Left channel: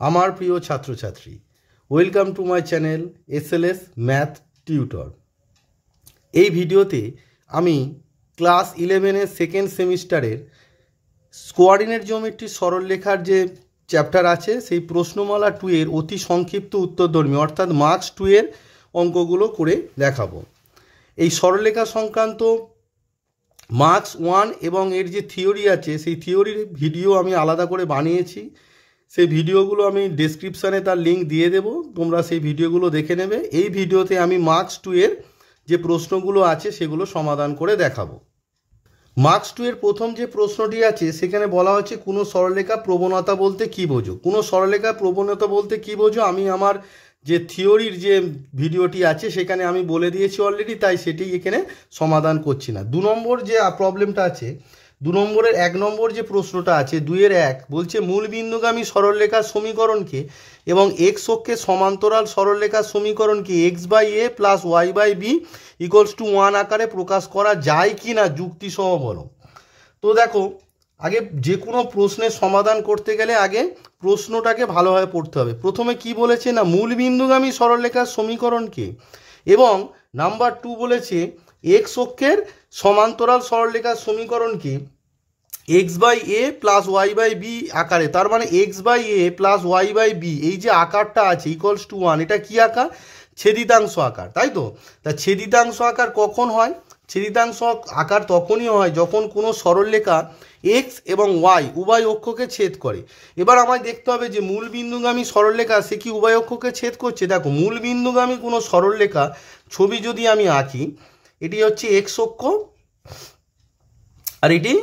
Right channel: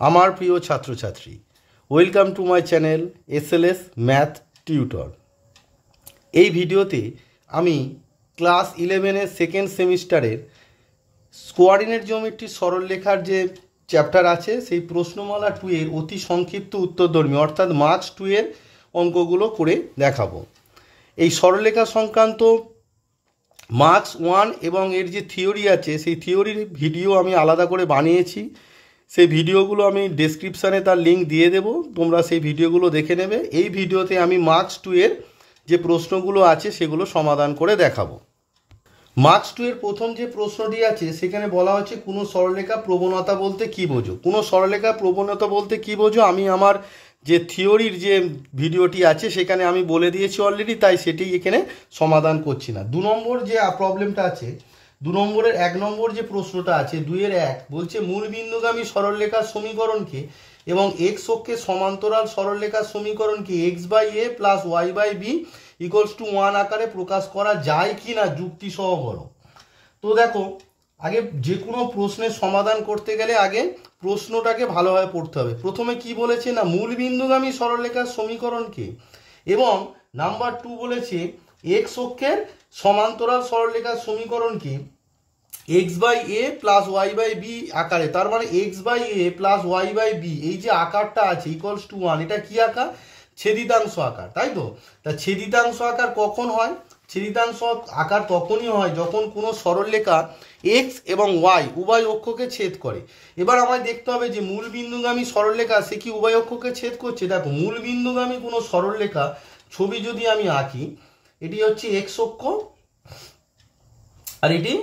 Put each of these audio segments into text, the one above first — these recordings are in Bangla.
আমার প্রিয় ছাত্রছাত্রী, welcome to my channel SLS math tutor. এই ভিডিওতে আমি ক্লাস 11-এর সেকেন্ড সেমিস্টারের কোঅর্ডিনেট জিওমেট্রি সরলরেখার যে চ্যাপ্টার আছে সেই প্রশ্নমালা 2 এর অতি সংক্ষিপ্ত উত্তরধর্মী অর্থাৎ মার্কস 2 এর অঙ্কগুলো করে দেখাবো। এই সরলরেখা সংক্রান্ত মার্কস 1 এবং এর যে থিওরি আছে সেই থিওরির ভিডিও আমি আলাদা করে বানিয়েছি। সেই ভিডিওগুলো আমি ডেসক্রিপশানে তার লিঙ্ক দিয়ে দেব, তোমরা সেই ভিডিওগুলো দেখে নেবে। এই ভিডিওতে আমি মার্কস 2 এর যে প্রশ্নগুলো আছে সেগুলো সমাধান করে দেখাবো। মার্কস 2 এর প্রথম যে প্রশ্নটি আছে সেখানে বলা হচ্ছে কোনো সরলরেখা প্রবণতা বলতে কী বোঝো। কোনো সরলরেখা প্রবণতা বলতে কী বোঝো আমি আমার যে থিওরির যে ভিডিওটি আছে সেখানে আমি বলে দিয়েছি অলরেডি, তাই সেটি এখানে সমাধান করছি না। 2 নম্বর যে প্রবলেমটা আছে, 2 নম্বরের 1 নম্বর যে প্রশ্নটা আছে 2-1 বলছে মূল বিন্দুগামী সরলরেখার সমীকরণকে এবং এক্স অক্ষে সমান্তরাল সরলরেখার সমীকরণকে x/a + y/b = 1 আকারে প্রকাশ করা যায় কি না যুক্তি সহ বলো। তো দেখো, আগে যে কোনো প্রশ্নের সমাধান করতে গেলে আগে প্রশ্নটাকে ভালোভাবে পড়তে হবে। প্রথমে কি বলেছে না মূল বিন্দুগামী সরলরেখার সমীকরণকে এবং নাম্বার 2 বলেছে এক্স অক্ষের সমান্তরাল সরলরেখার সমীকরণকে x/a + y/b আকারে, তার মানে x/a + y/b এই যে আকারটা আছে = 1, এটা কি আকার? ছেদিতাংশ আকার, তাই তো? তা ছেদিতাংশ আকার কখন হয়? ছেদিতাংশ আকার তখনই হয় যখন কোনো সরলরেখা x এবং y উভয় অক্ষকে ছেদ করে। এবার আমায় দেখতে হবে যে মূল বিন্দুগামী সরলরেখা সে কি উভয় অক্ষকে ছেদ করছে। দেখো, মূল বিন্দুগামী কোনো সরলরেখা ছবি যদি আমি আঁকি, এটি হচ্ছে x অক্ষ আর এটি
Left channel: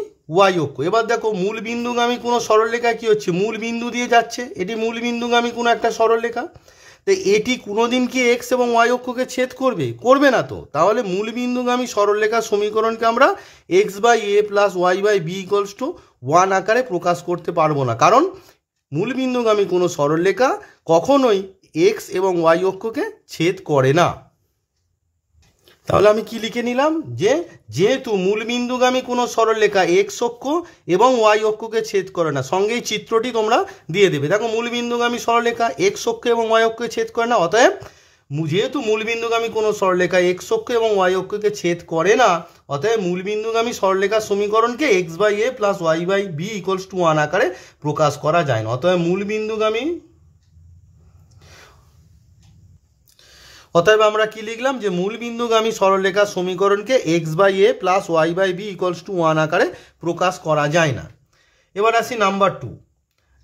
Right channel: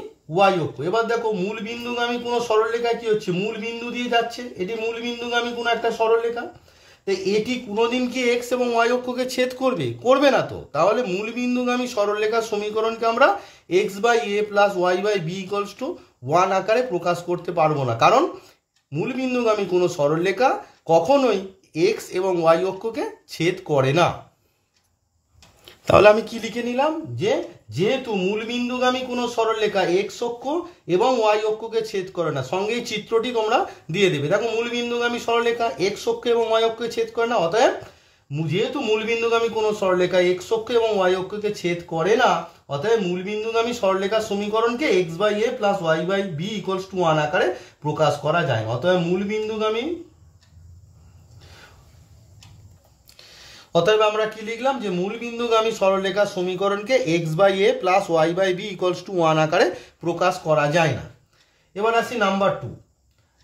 y অক্ষ। এবার দেখো, মূল বিন্দুগামী কোনো সরলরেখা কি হচ্ছে, মূল বিন্দু দিয়ে যাচ্ছে, এটি মূল বিন্দুগামী কোনো একটা সরলরেখা। তো এটি কোনোদিন কি x এবং y অক্ষকে ছেদ করবে? করবে না তো। তাহলে মূল বিন্দুগামী সরলরেখার সমীকরণকে আমরা x/a + y/b = 1 আকারে প্রকাশ করতে পারবো না, কারণ মূল বিন্দুগামী কোনো সরলরেখা কখনোই x এবং y অক্ষকে ছেদ করে না। তাহলে আমি কি লিখে নিলাম যে যেহেতু মূল বিন্দুগামী কোনো সরলরেখা x অক্ষ এবং y অক্ষকে ছেদ করে না, সঙ্গেই চিত্রটি তোমরা দিয়ে দেবে। দেখো, মূল বিন্দুগামী সরলরেখা x অক্ষ এবং y অক্ষকে ছেদ করে না, অতএব যেহেতু মূল বিন্দুগামী কোনো সরলরেখা x অক্ষ এবং y অক্ষকে ছেদ করে না, অতএব মূল বিন্দুগামী সরলরেখার সমীকরণকে x/a + y/b = 1 আকারে প্রকাশ করা যায় না। অতএব আমরা কি লিখলাম যে মূল বিন্দুগামী সরলরেখার সমীকরণকে x/a + y/b = 1 আকারে প্রকাশ করা যায় না। এবার আসি নাম্বার 2।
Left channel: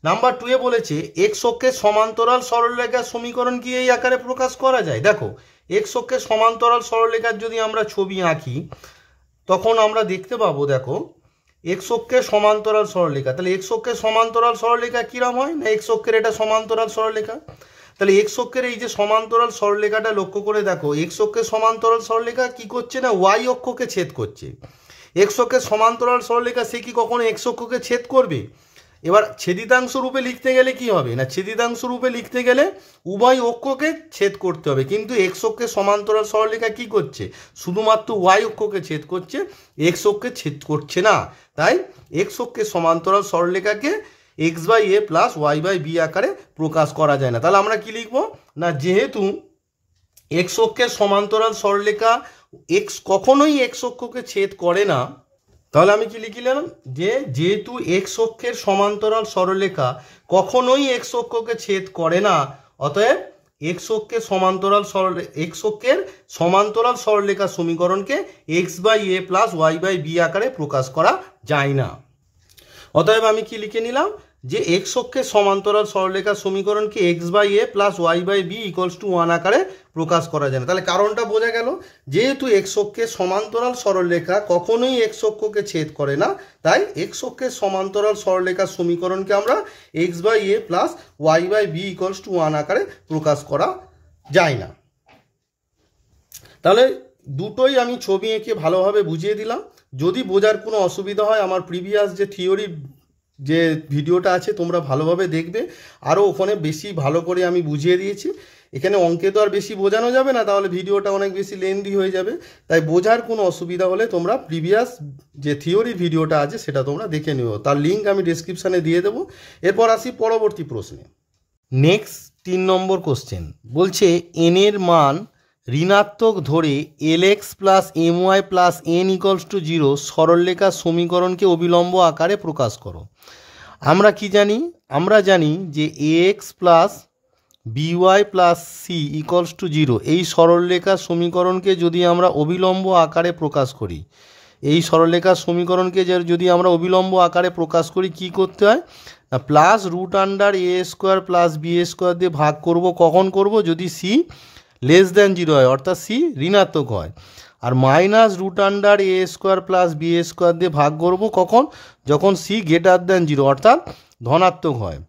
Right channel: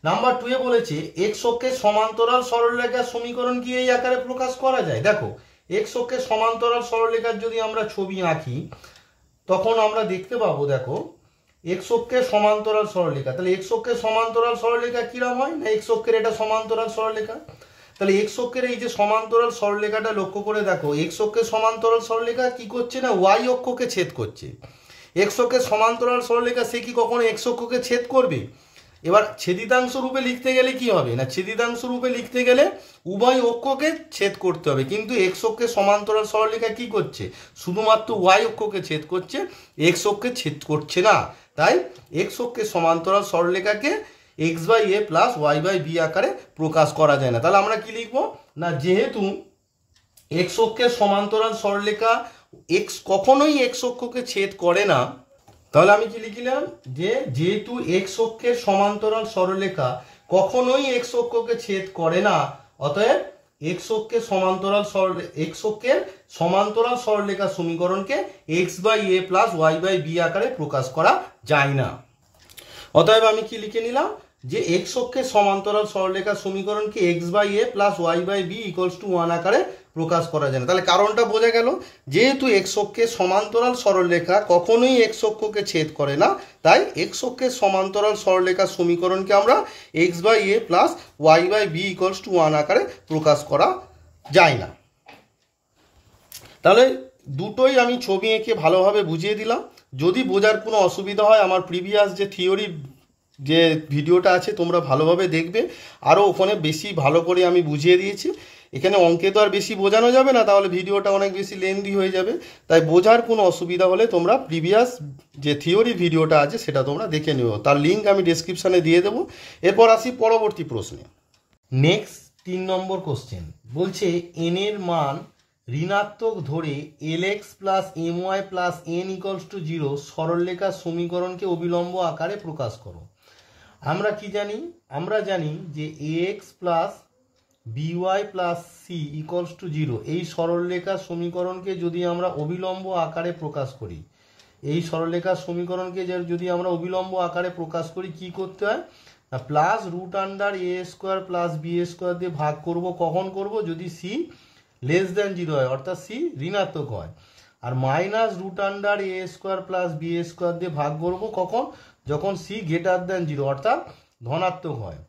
নাম্বার 2 এ বলেছে x অক্ষের সমান্তরাল সরলরেখার সমীকরণ কি এই আকারে প্রকাশ করা যায়। দেখো, x অক্ষের সমান্তরাল সরলরেখার যদি আমরা ছবি আঁকি তখন আমরা দেখতে পাবো, দেখো x অক্ষের সমান্তরাল সরলরেখা, তাহলে x অক্ষের সমান্তরাল সরলরেখা কিরকম হয় না, x অক্ষের এটা সমান্তরাল সরলরেখা। তাহলে x অক্ষের এই যে সমান্তরাল সরলরেখাটা লক্ষ্য করে দেখো, x অক্ষের সমান্তরাল সরলরেখা কি করছে না y অক্ষকে ছেদ করছে। x অক্ষের সমান্তরাল সরলরেখা সে কি কখনো x অক্ষকে ছেদ করবে? এবার ছেদিতাংশ রূপে লিখতে গেলে কি হবে না, ছেদিতাংশ রূপে লিখতে গেলে উভয় অক্ষকে ছেদ করতে হবে, কিন্তু x অক্ষের সমান্তরাল সরলরেখা কি করছে, শুধুমাত্র y অক্ষকে ছেদ করছে, x অক্ষকে ছেদ করছে না। তাই x অক্ষের সমান্তরাল সরলরেখাকে x/a + y/b আকারে প্রকাশ করা যায় না। তাহলে আমরা কি লিখব না, যেহেতু x অক্ষের সমান্তরাল সরলরেখা x কখনোই x অক্ষকে ছেদ করে না, তাহলে আমি কি লিখলাম যে যেহেতু x অক্ষের সমান্তরাল সরলরেখা কখনোই x অক্ষকে ছেদ করে না, অতএব x অক্ষের সমান্তরাল সরলরেখার সমীকরণকে x/a + y/b আকারে প্রকাশ করা যায় না। অতএব আমি কি লিখে নিলাম যে x অক্ষের সমান্তরাল সরলরেখার সমীকরণকে x/a + y/b = 1 আকারে প্রকাশ করা যায় না। তাহলে কারণটা বোঝা গেল, যেহেতু x অক্ষের সমান্তরাল সরলরেখা কখনোই x অক্ষকে ছেদ করে না, তাই x অক্ষের সমান্তরাল সরলরেখার সমীকরণকে আমরা x/a + y/b = 1 আকারে প্রকাশ করা যায় না। তাহলে দুটোই আমি ছবি এঁকে ভালোভাবে বুঝিয়ে দিলাম। যদি বোঝার কোনো অসুবিধা হয় আমার প্রিভিয়াস যে থিওরি যে ভিডিওটা আছে তোমরা ভালোভাবে দেখবে, আরও ওখানে বেশি ভালো করে আমি বুঝিয়ে দিয়েছি। এখানে অঙ্কে তো আর বেশি বোঝানো যাবে না, তাহলে ভিডিওটা অনেক বেশি লেন্দি হয়ে যাবে। তাই বোঝার কোনো অসুবিধা হলে তোমরা প্রিভিয়াস যে থিওরি ভিডিওটা আছে সেটা তোমরা দেখে নিও, তার লিঙ্ক আমি ডেসক্রিপশানে দিয়ে দেবো। এরপর আসি পরবর্তী প্রশ্নে। নেক্সট 3 নম্বর কোশ্চেন বলছে এন এর মান ঋণাত্মক ধরে l x plus m y plus n equals to 0 সরলরেখার সমীকরণকে অবিলম্ব আকারে প্রকাশ করো। আমরা কি জানি? আমরা জানি যে a x plus b y plus c equals to 0 এই সরলরেখার সমীকরণকে যদি আমরা অবিলম্ব আকারে প্রকাশ করি, এই সরলরেখার সমীকরণকে যদি আমরা অবিলম্ব আকারে প্রকাশ করি কি করতে হয় না প্লাস রুট আন্ডার এ স্কোয়ার প্লাস বি স্কোয়ার দিয়ে ভাগ করব। কখন করব? যদি সি লেস দ্যান 0 হয়, অর্থাৎ সি ঋণাত্মক হয়। আর মাইনাস রুট আন্ডার এ স্কোয়ার প্লাস বি স্কোয়ার দিয়ে ভাগ করব কখন? যখন সি গ্রেটার দ্যান 0 অর্থাৎ ধনাত্মক হয়।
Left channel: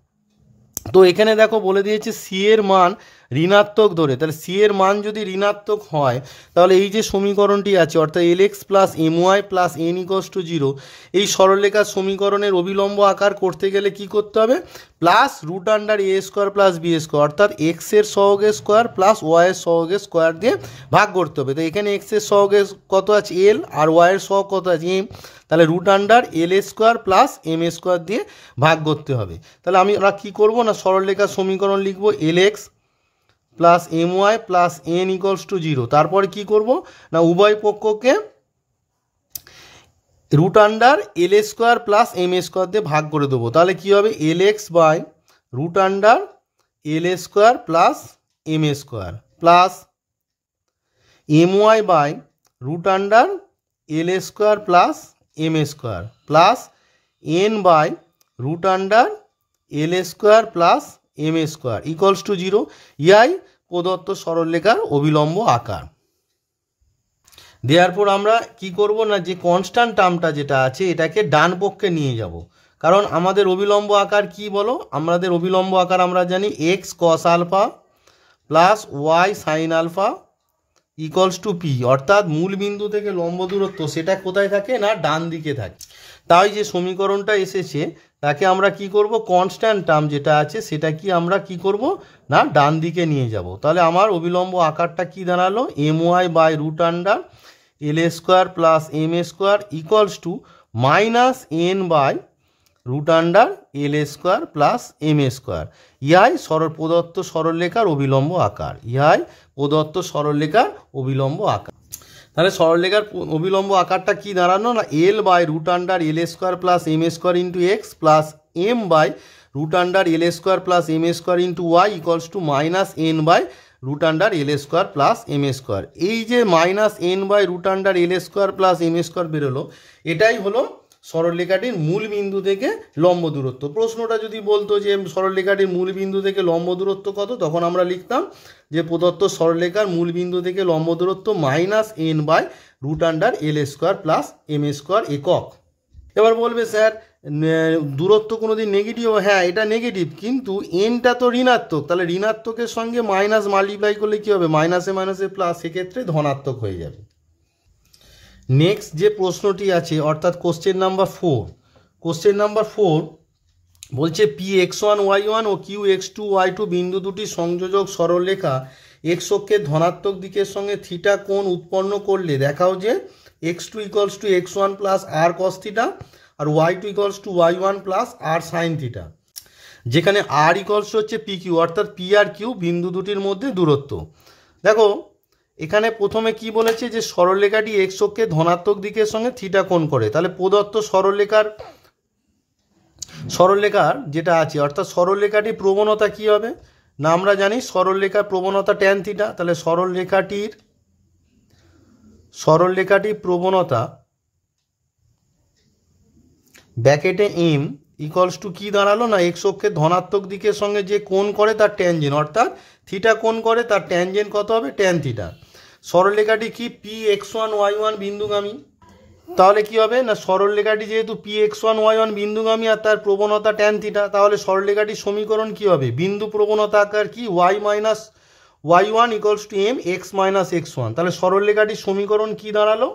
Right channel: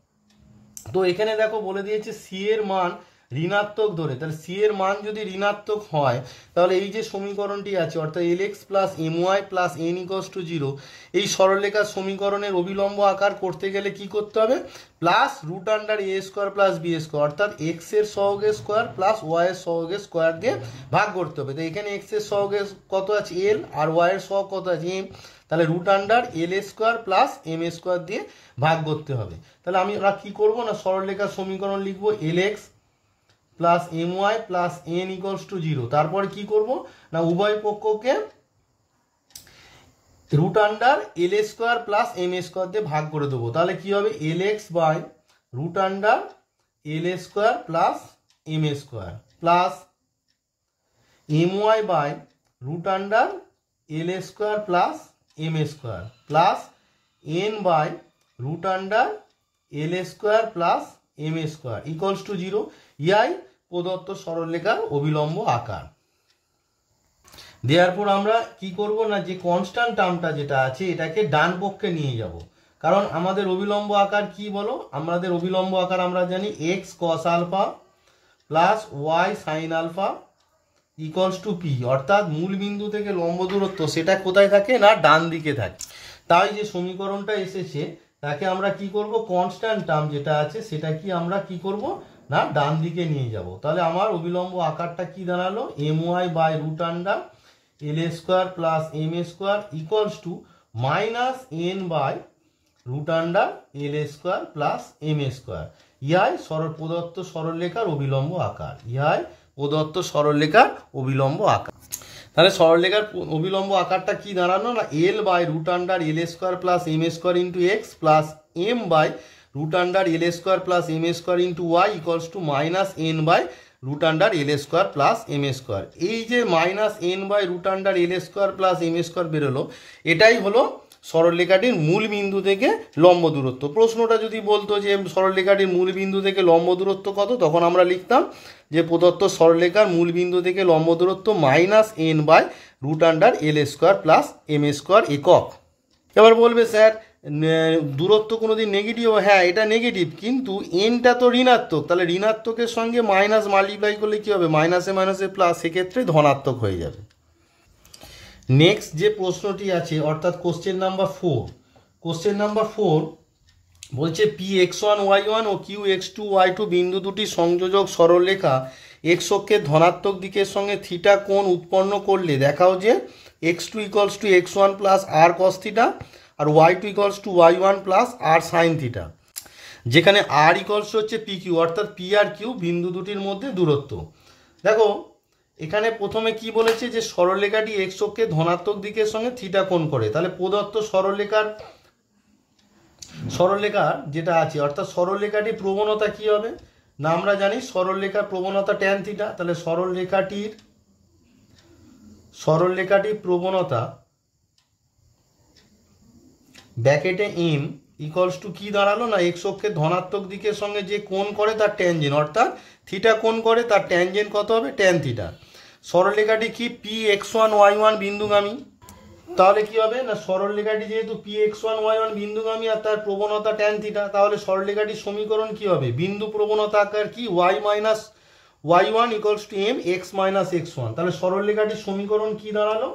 তো এখানে দেখো বলে দিয়েছে সি এর মান ঋণাত্মক ধরে, তাহলে সি এর মান যদি ঋণাত্মক হয় তাহলে এই যে সমীকরণটি আছে অর্থাৎ l x plus m y plus n equals to 0 এই সরলরেখার সমীকরণের অবিলম্ব আকার করতে গেলে কি করতে হবে? প্লাস রুট আন্ডার এ স্কোয়ার প্লাস বি স্কোয়ার অর্থাৎ এক্সের সহগের স্কোয়ার প্লাস ওয়াইয়ের সহগের স্কোয়ার দিয়ে ভাগ করতে হবে। তো এখানে এক্সের সহগের কত আছে? এল, আর ওয়াইয়ের সহগ কত আছে? এম। তাহলে root under l square plus m square দিয়ে ভাগ করতে হবে। তাহলে আমরা কী করবো না সরলরেখার সমীকরণ লিখবো l x plus m y plus n equals to 0। তারপরে কী করবো না উভয় পক্ষকে root under l square plus m square দিয়ে ভাগ করে দেবো। তাহলে কী হবে? L x by root under l square plus m square plus m y by root under l square plus m square plus n by root under l square plus m square equals to 0। ইয়াই প্রদত্ত সরলরেখার অবিলম্ব আকার। দেওয়ার পর আমরা কি করব না যে কনস্ট্যান্ট টার্মটা যেটা আছে এটাকে ডান পক্ষে নিয়ে যাব, কারণ আমাদের অবিলম্ব আকার কি বলো? আমাদের অবিলম্ব আকার আমরা জানি x cos alpha plus y sine alpha equals to p, অর্থাৎ মূল বিন্দু থেকে লম্ব দূরত্ব সেটা কোথায় থাকে না ডান দিকে থাকে। তাই যে সমীকরণটা এসেছে তাকে আমরা কি করব? কনস্ট্যান্ট টার্ম যেটা আছে সেটা কি আমরা কি করব না ডান দিকে নিয়ে যাব। তাহলে আমার অবিলম্ব আকারটা কি দাঁড়ালো? M y by root under l square plus m square equals to minus n by root under l square plus m square. ইহাই প্রদত্ত সরলরেখার অবিলম্ব আকার। ইহাই প্রদত্ত সরলরেখার অবিলম্ব আকার। তাহলে সরলরেখার অবিলম্ব আকারটা কি দাঁড়ানো না l by root under l square plus m square into x plus m by root under l square plus m square into y equals to minus n by root under l square plus m square. এই যে minus n by root under l square plus m square বেরোলো, এটাই হলো সরলরেখাটির মূল বিন্দু থেকে লম্ব দূরত্ব। প্রশ্নটা যদি বলতো যে সরলরেখাটির মূল বিন্দু থেকে লম্ব দূরত্ব কত, তখন আমরা লিখতাম যে প্রদত্ত সরলরেখার মূল বিন্দু থেকে লম্ব দূরত্ব minus n by root under l square plus m square একক। এবার বলবে স্যার দূরত্ব কোনোদিন নেগেটিভ? হ্যাঁ, এটা নেগেটিভ, কিন্তু এনটা তো ঋণাত্মক, তাহলে ঋণাত্মকের সঙ্গে মাইনাস মাল্টিপ্লাই করলে কী হবে? মাইনাসে মাইনাসে প্লাস, সেক্ষেত্রে ধনাত্মক হয়ে যাবে। নেক্সট যে প্রশ্নটি আছে অর্থাৎ কোশ্চেন নাম্বার 4, কোশ্চেন নাম্বার 4 বলছে p x one y one ও q x two y two বিন্দু দুটি সংযোজক সরলরেখা এক্স অক্ষের ধনাত্মক দিকের সঙ্গে থিটা কোণ উৎপন্ন করলে দেখাও যে x two equals to x one plus r cos theta আর y two equals to y one plus r sine theta, যেখানে আর ইকলস হচ্ছে পি কিউ, অর্থাৎ পি আর কিউ বিন্দু দুটির মধ্যে দূরত্ব। দেখো এখানে প্রথমে কি বলেছে যে সরলরেখাটি এক্স অক্ষের ধনাত্মক দিকের সঙ্গে থিটা কোণ করে। তাহলে প্রদত্ত সরলরেখার যেটা আছে অর্থাৎ সরলরেখাটির প্রবণতা কি হবে না আমরা জানি সরলরেখার প্রবণতা ট্যান থিটা। তাহলে সরলরেখাটির প্রবণতা ব্র্যাকেটে এম ইকলস টু কি দাঁড়ালো না এক্স অক্ষের ধনাত্মক দিকের সঙ্গে যে কোণ করে তার ট্যানজেন্ট, অর্থাৎ থিটা কোণ করে তার ট্যানজেন্ট কত হবে? Tan theta. সরলরেখাটি কি p x one y one বিন্দুগামী, তাহলে কি হবে না সরলরেখাটি যেহেতু p x one y one বিন্দুগামী আর তার প্রবণতা ট্যান থিটা, তাহলে সরলরেখাটির সমীকরণ কি হবে? বিন্দু প্রবণতা আকার কি y minus y one equals to m x minus x one. তাহলে সরলরেখাটির সমীকরণ কি দাঁড়ালো?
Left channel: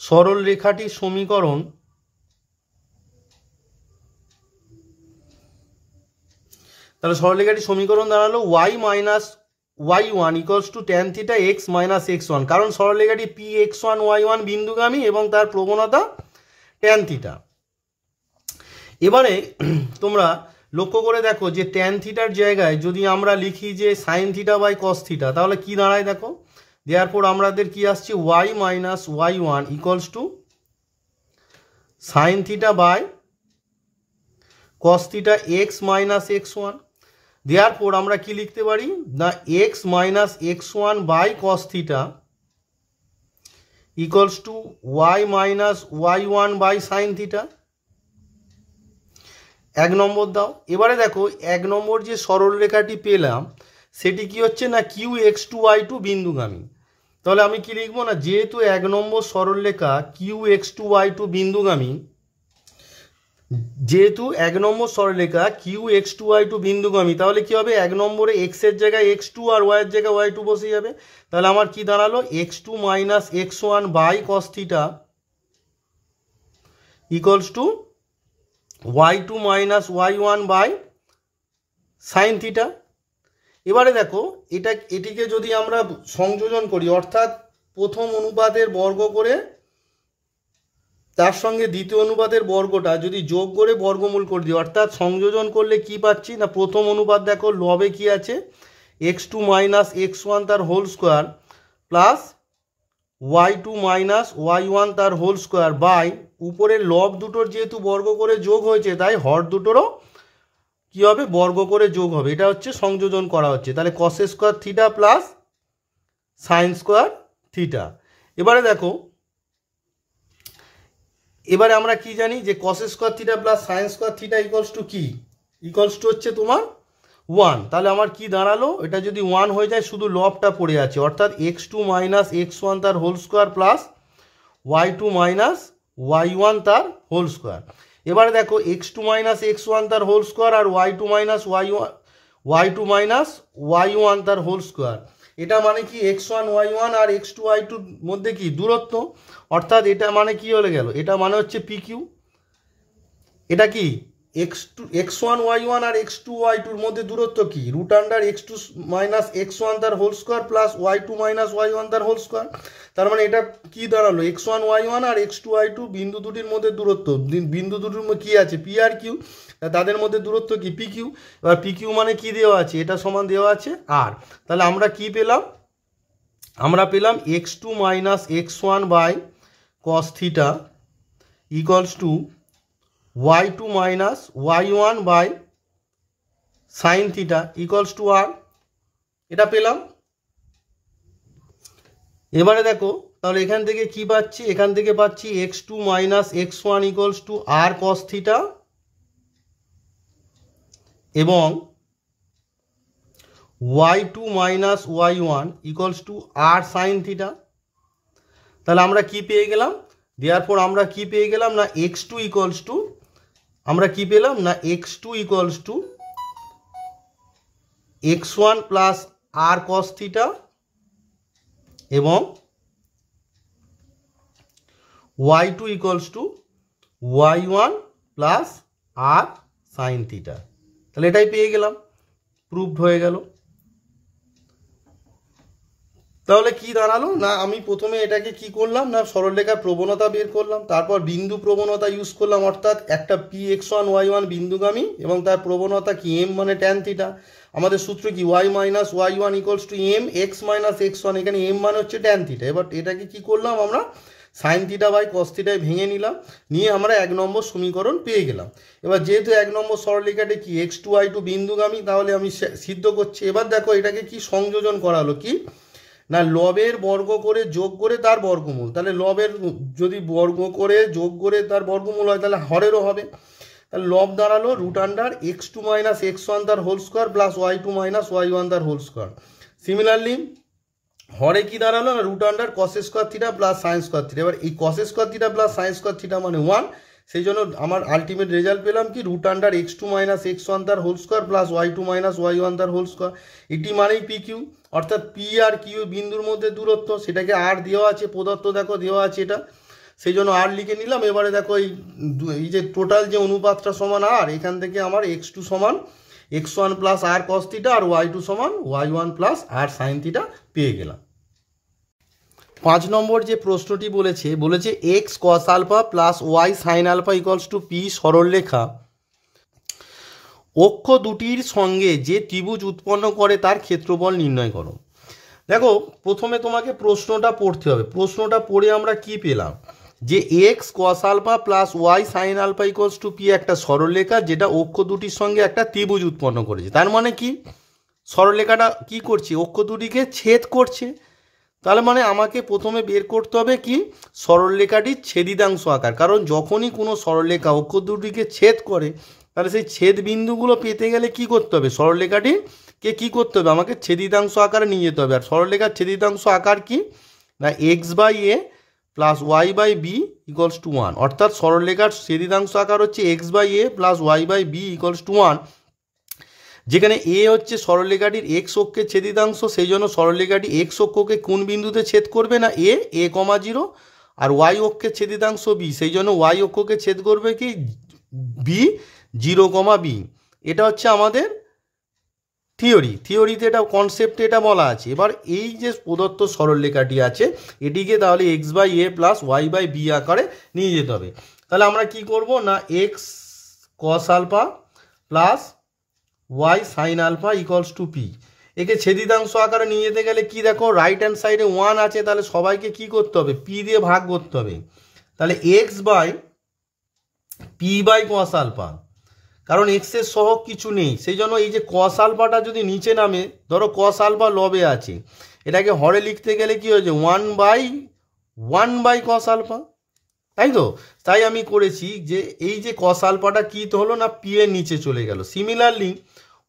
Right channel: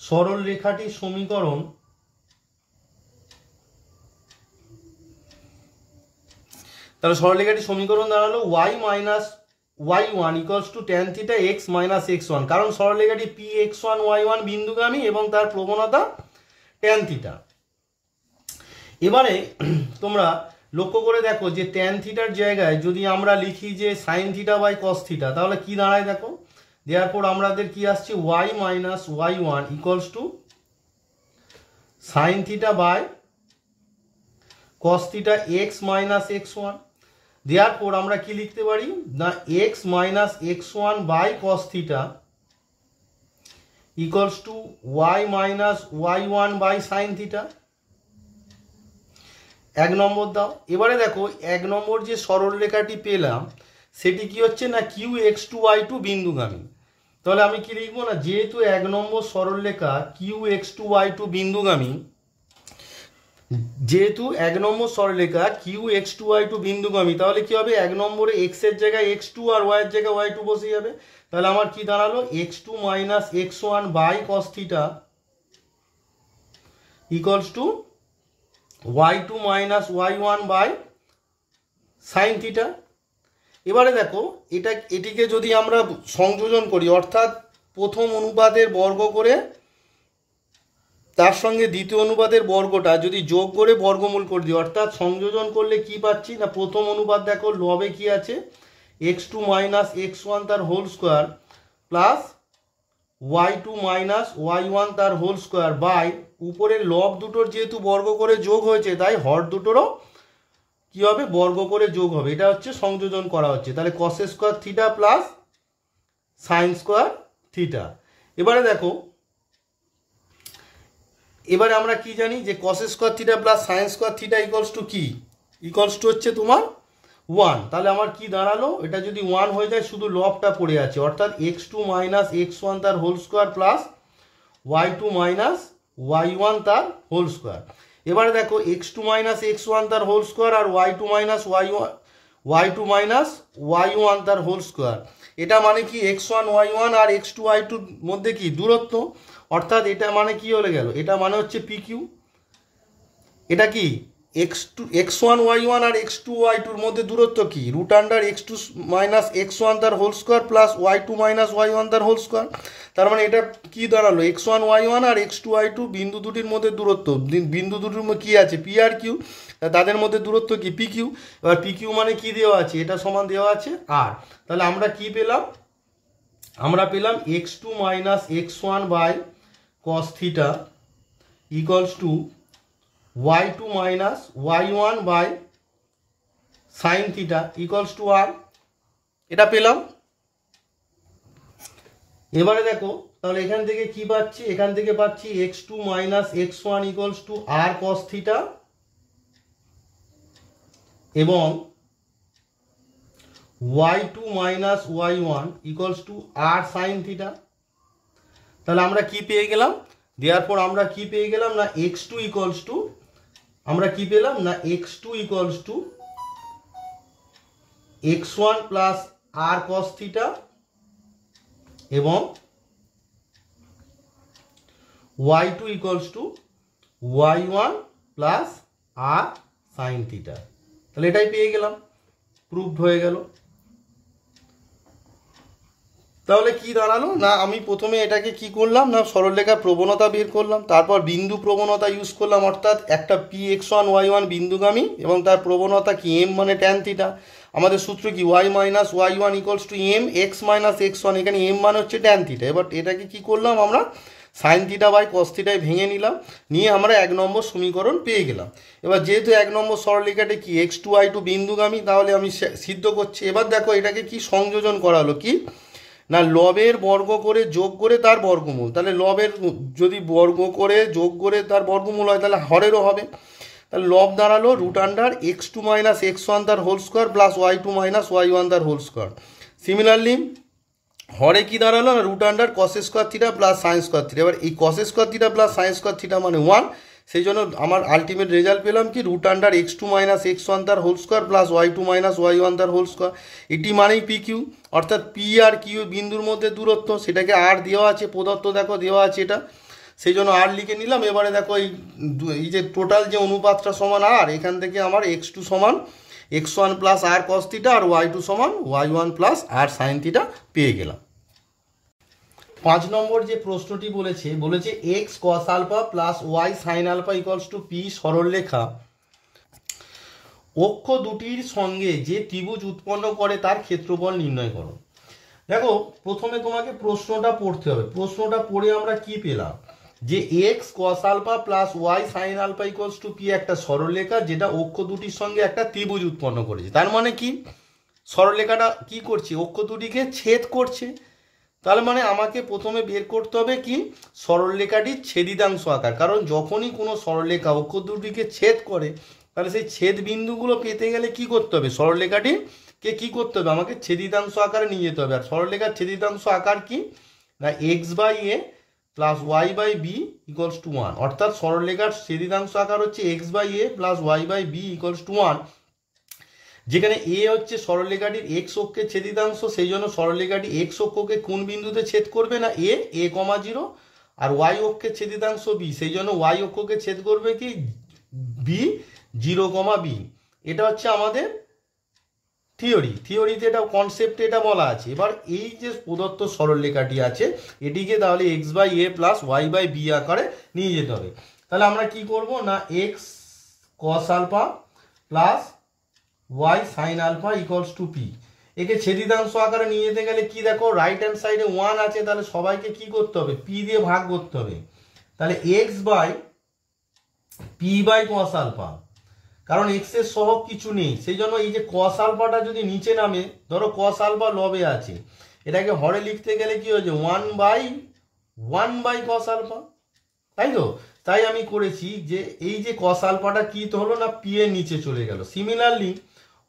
সরলরেখাটির সমীকরণ তাহলে সরলরেখাটির সমীকরণ দাঁড়ালো y minus y one equals to tan theta x minus x one, কারণ সরলরেখাটি p x one y one বিন্দুগামী এবং তার প্রবণতা ট্যান থিটা। এবারে তোমরা লক্ষ্য করে দেখো যে ট্যান থিটার জায়গায় যদি আমরা লিখি যে sine theta by cos theta, তাহলে কি দাঁড়ায় দেখো, দেওয়ার আমাদের কি আসছে y minus y1 equals to sine theta by cos theta x minus x1। দেওয়ার আমরা কি লিখতে পারি না x minus x1 by cos theta equals to y minus y1 by sine theta. এক নম্বর দাও। এবারে দেখো এক নম্বর যে সরলরেখাটি পেলাম সেটি কি হচ্ছে না q x two y two বিন্দুগামী। তাহলে আমি কি লিখবো না, যেহেতু এক নম্বর সরলরেখা q x two y two বিন্দুগামী, যেহেতু এক নম্বর সরলরেখা q x two y two বিন্দুগামী, তাহলে কি হবে, এক নম্বরে এক্স এর জায়গায় এক্স টু আর ওয়াই এর জায়গায় ওয়াই টু বসে যাবে। তাহলে আমার কি দাঁড়ালো x two minus x one by cos theta equals to y2 minus y1 by sine theta. এবারে দেখো এটিকে যদি আমরা সংযোজন করি, অর্থাৎ প্রথম অনুপাতের বর্গ করে তার সঙ্গে দ্বিতীয় অনুপাতের বর্গটা যদি যোগ করে বর্গমূল করে দিই, অর্থাৎ সংযোজন করলে কি পাচ্ছি না, প্রথম অনুপাত দেখো লবে কি আছে x2 মাইনাস x1 তার whole square plus y2 minus y1 তার হোল স্কোয়ার বাই উপরের লব দুটোর যেহেতু বর্গ করে যোগ হয়েছে তাই হর দুটোরও কি হবে বর্গ করে যোগ হবে। এটা হচ্ছে সংযোজন করা হচ্ছে। তাহলে কস square theta plus sine square theta. এবারে দেখো এবারে আমরা কি জানি যে কস square theta plus sine square theta equals two কি, ইকুয়ালস টু হচ্ছে তোমার 1। তাহলে আমার কি দাঁড়ালো, এটা যদি 1 হয়ে যায় শুধু লবটা পড়ে আছে, অর্থাৎ x2 মাইনাস x1 তার whole square plus y2 minus y1 তার হোল স্কোয়ার। এবারে দেখো x2 মাইনাস x1 তার হোল স্কোয়ার আর y2 মাইনাস y1 তার হোল স্কোয়ার। এটা মানে কি x1 y1 আর x2 y2 মধ্যে কি দূরত্ব, অর্থাৎ এটা মানে কি হয়ে গেল, এটা মানে হচ্ছে pq। এটা কি x1 y1 আর x2 y2 মধ্যে দূরত্ব কি root under x2 minus x1 তার whole square plus y2 minus y1 তার হোল স্কোয়ার। তার মানে এটা কি দাঁড়ালো x1 y1 আর x2 y2 বিন্দু দুটির মধ্যে দূরত্ব, বিন্দু দুটির মধ্যে কি আছে পি আর কিউ, তাদের মধ্যে দূরত্ব কি পি কিউ। এবার পি কিউ মানে কি দেওয়া আছে, এটা সমান দেওয়া আছে আর। তাহলে আমরা কি পেলাম, আমরা পেলাম x2 minus x1 by cos theta equals to y2 minus y1 by sine theta equals to r, এটা পেলাম। এবারে দেখো তাহলে এখান থেকে কি পাচ্ছি, এখান থেকে পাচ্ছি x2 minus x1 equals to r cos theta এবং y2 minus y1 equals to r sine theta. তাহলে আমরা কি পেয়ে গেলাম, দেওয়ার পর আমরা কি পেয়ে গেলাম না x2 ইকুয়ালস টু, আমরা কি পেলাম না x2 equals to x1 plus r cos theta এবং y2 equals to y1 plus r sine theta. তাহলে এটাই পেয়ে গেলাম, প্রুভড হয়ে গেল। তাহলে কি দাঁড়ালো না, আমি প্রথমে এটাকে কি করলাম না সরলরেখার প্রবণতা বের করলাম, তারপর বিন্দু প্রবণতা ইউজ করলাম, অর্থাৎ একটা px1 y1 বিন্দুগামী এবং তার প্রবণতা কি m মানে ট্যান থিটা। আমাদের সূত্র কি y minus y1 equals two m x minus x1, এখানে m মানে হচ্ছে ট্যান থিটা। এবার এটাকে কি করলাম আমরা সাইন থিটা বাই কস থিটায় ভেঙে নিলাম, নিয়ে আমরা এক নম্বর সমীকরণ পেয়ে গেলাম। এবার যেহেতু এক নম্বর সরলরেখাটি কি x2 y2 বিন্দুগামী, তাহলে আমি সিদ্ধ করছি। এবার দেখো এটাকে কি সংযোজন করা হলো কি না লবের বর্গ করে যোগ করে তার বর্গমূল। তাহলে লবের যদি বর্গ করে যোগ করে তার বর্গমূল হয় তাহলে হরেরও হবে। তাহলে লব দাঁড়ালো root under x2 minus x1 তার whole square plus y2 minus y1 তার হোল স্কোয়ার। সিমিলারলি হরে কি দাঁড়ালো না root under cos square theta plus sine square theta. এবার এই cos square theta plus sine square theta মানে 1, সেই জন্য আমার আলটিমেট রেজাল্ট পেলাম কি root under x2 minus x1 তার whole square plus y2 minus y1 তার হোল স্কোয়ার। এটি মানেই পি কিউ, অর্থাৎ পি আর কিউ বিন্দুর মধ্যে দূরত্ব, সেটাকে আর দেওয়া আছে প্রদত্ত, দেখো দেওয়া আছে এটা, সেই জন্য আর লিখে নিলাম। এবারে দেখো এই যে টোটাল যে অনুপাতটা সমান আর, এখান থেকে আমার x2 সমান x1 plus r cos theta আর y2 সমান y1 plus r sine theta পেয়ে গেলাম। 5 নম্বর যে প্রশ্নটি বলেছে x cos alpha plus y sine alpha equals to p সরলরেখা অক্ষ দুটির সঙ্গে যে ত্রিভুজ উৎপন্ন করে তার ক্ষেত্রফল নির্ণয় করো। দেখো প্রথমে তোমাকে প্রশ্নটা পড়তে হবে। প্রশ্নটা পড়ে আমরা কি পেলাম, যে x cos alpha plus y sine alpha equals to p একটা সরলরেখা যেটা অক্ষ দুটির সঙ্গে একটা ত্রিভুজ উৎপন্ন করেছে। তার মানে কি, সরলরেখাটা কি করছে, অক্ষ দুটিকে ছেদ করছে। তাহলে মানে আমাকে প্রথমে বের করতে হবে কি, সরলরেখাটির ছেদিতাংশ আকার। কারণ যখনই কোনো সরলরেখা অক্ষ দুটিকে ছেদ করে তাহলে সেই ছেদ বিন্দুগুলো পেতে গেলে কি করতে হবে, সরলরেখাটিকে কি করতে হবে, আমাকে ছেদিতাংশ আকারে নিয়ে যেতে হবে। আর সরলরেখার ছেদিতাংশ আকার কি না, x by a plus y by b equals to 1। অর্থাৎ সরলরেখার ছেদিতাংশ আকার হচ্ছে x by a plus y by b equals to 1, যেখানে এ হচ্ছে সরলরেখাটির এক্স অক্ষের ছেদিতাংশ। সেই জন্য সরলরেখাটি এক্স অক্ষকে কোন বিন্দুতে ছেদ করবে না, এ কমা 0, আর ওয়াই অক্ষের ছেদিতাংশ বি, সেই জন্য ওয়াই অক্ষকে ছেদ করবে কি, বি 0 কমা বি। এটা হচ্ছে আমাদের থিওরিতে এটা কনসেপ্টে এটা বলা আছে। এবার এই যে প্রদত্ত সরলরেখাটি আছে এটিকে তাহলে x by a plus y by b আকারে নিয়ে যেতে হবে। তাহলে আমরা কি করব না, x cos alpha plus y sine alpha equals to p, একে ছেদিতাংশ আকারে নিয়ে যেতে গেলে কি দেখো, রাইট হ্যান্ড সাইডে 1 আছে, তাহলে সবাইকে কি করতে হবে, পি দিয়ে ভাগ করতে হবে। তাহলে x by p by cos alpha, কারণ এক্স এর সহগ কিছু নেই, সেই জন্য এই যে কস আলফাটা যদি নিচে নামে, ধরো কস আলফা লবে আছে, এটাকে হরে লিখতে গেলে কি হয়েছে, 1 বাই কস আলফা, তাই তো। তাই আমি করেছি যে এই যে কস আলফাটা কি তো হলো না, পি এর নিচে চলে গেল। সিমিলারলি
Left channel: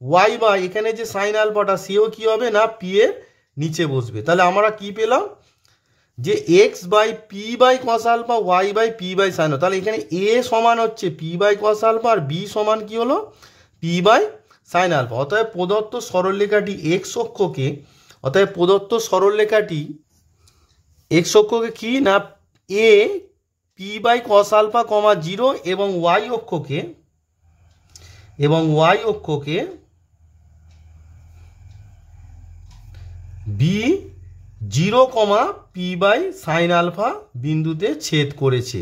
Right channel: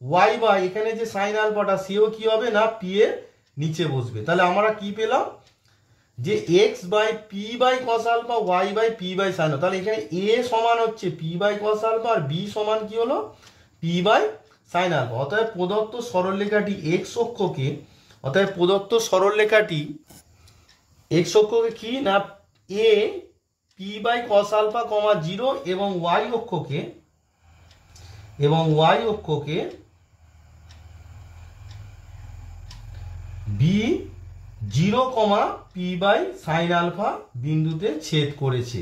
ওয়াই বাই এখানে যে সাইন আলফাটা সেও কি হবে না, পি এর নিচে বসবে। তাহলে আমরা কি পেলাম, যে x by p by cos alpha, y by p by sine. তাহলে এখানে এ সমান হচ্ছে পি বাই কস আলফা আর বি সমান কি হলো, পি বাই সাইন আলফা। অতএব প্রদত্ত সরলরেখাটি এক্স অক্ষকে, অতএব প্রদত্ত সরলরেখাটি এক্স অক্ষকে কি না, a p by cos alpha comma 0 এবং ওয়াই অক্ষকে b 0 comma p by sine alpha বিন্দুতে ছেদ করেছে,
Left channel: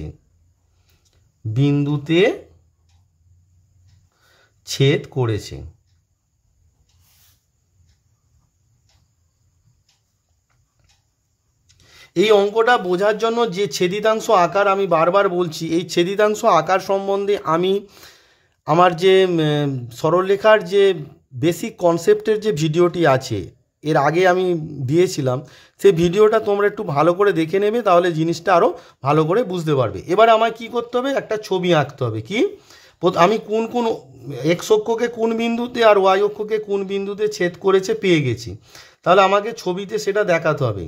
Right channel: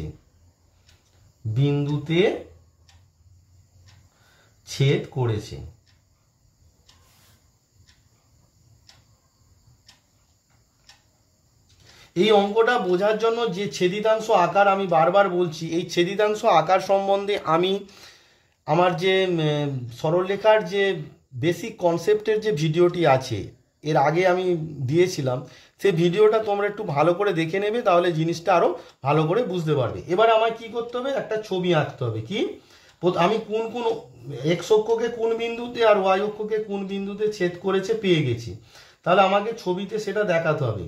এই অঙ্কটা বোঝার জন্য যে ছেদিতাংশ আকার আমি বারবার বলছি, এই ছেদিতাংশ আকার সম্বন্ধে আমি আমার যে সরলরেখার যে বেসিক কনসেপ্টের যে ভিডিওটি আছে এর আগে আমি দিয়েছিলাম, সেই ভিডিওটা তোমরা একটু ভালো করে দেখে নেবে, তাহলে জিনিসটা আরও ভালো করে বুঝতে পারবে। এবারে আমায় কি করতে হবে, একটা ছবি আঁকতে হবে। কি, আমি কোন এক্স অক্ষকে কোন বিন্দুতে আর ওয়াই অক্ষকে কোন বিন্দুতে ছেদ করেছে পেয়ে গেছি, তাহলে আমাকে ছবিতে সেটা দেখাতে হবে।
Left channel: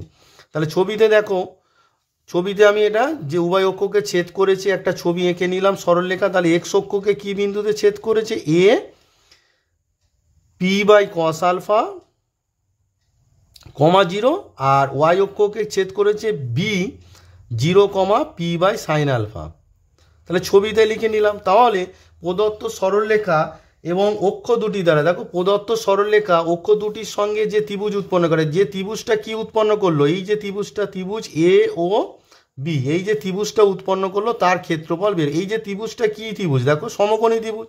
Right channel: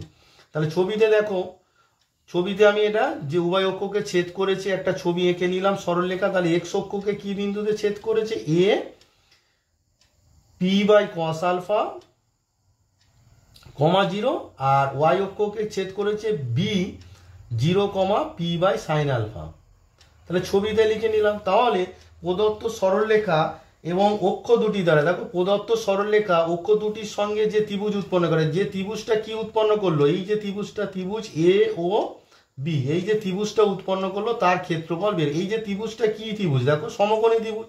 তাহলে ছবিতে দেখো, ছবিতে আমি এটা যে উভয় অক্ষকে ছেদ করেছে একটা ছবি এঁকে নিলাম সরলরেখা। তাহলে এক্স অক্ষকে কি বিন্দুতে ছেদ করেছে, a p by cos alpha comma 0, আর ওয়াই অক্ষকে ছেদ করেছে b 0 comma p by sine alpha. তাহলে ছবিতে লিখে নিলাম। তাহলে প্রদত্ত সরলরেখা এবং অক্ষ দুটি দ্বারা, দেখো প্রদত্ত সরলরেখা অক্ষ দুটির সঙ্গে যে ত্রিভুজ উৎপন্ন করে, যে ত্রিভুজটা কি উৎপন্ন করলো, এই যে ত্রিভুজটা, ত্রিভুজ এ ও বি, এই যে ত্রিভুজটা উৎপন্ন করলো তার ক্ষেত্রফল বের। এই যে ত্রিভুজটা কি ত্রিভুজ, দেখো সমকোণী ত্রিভুজ।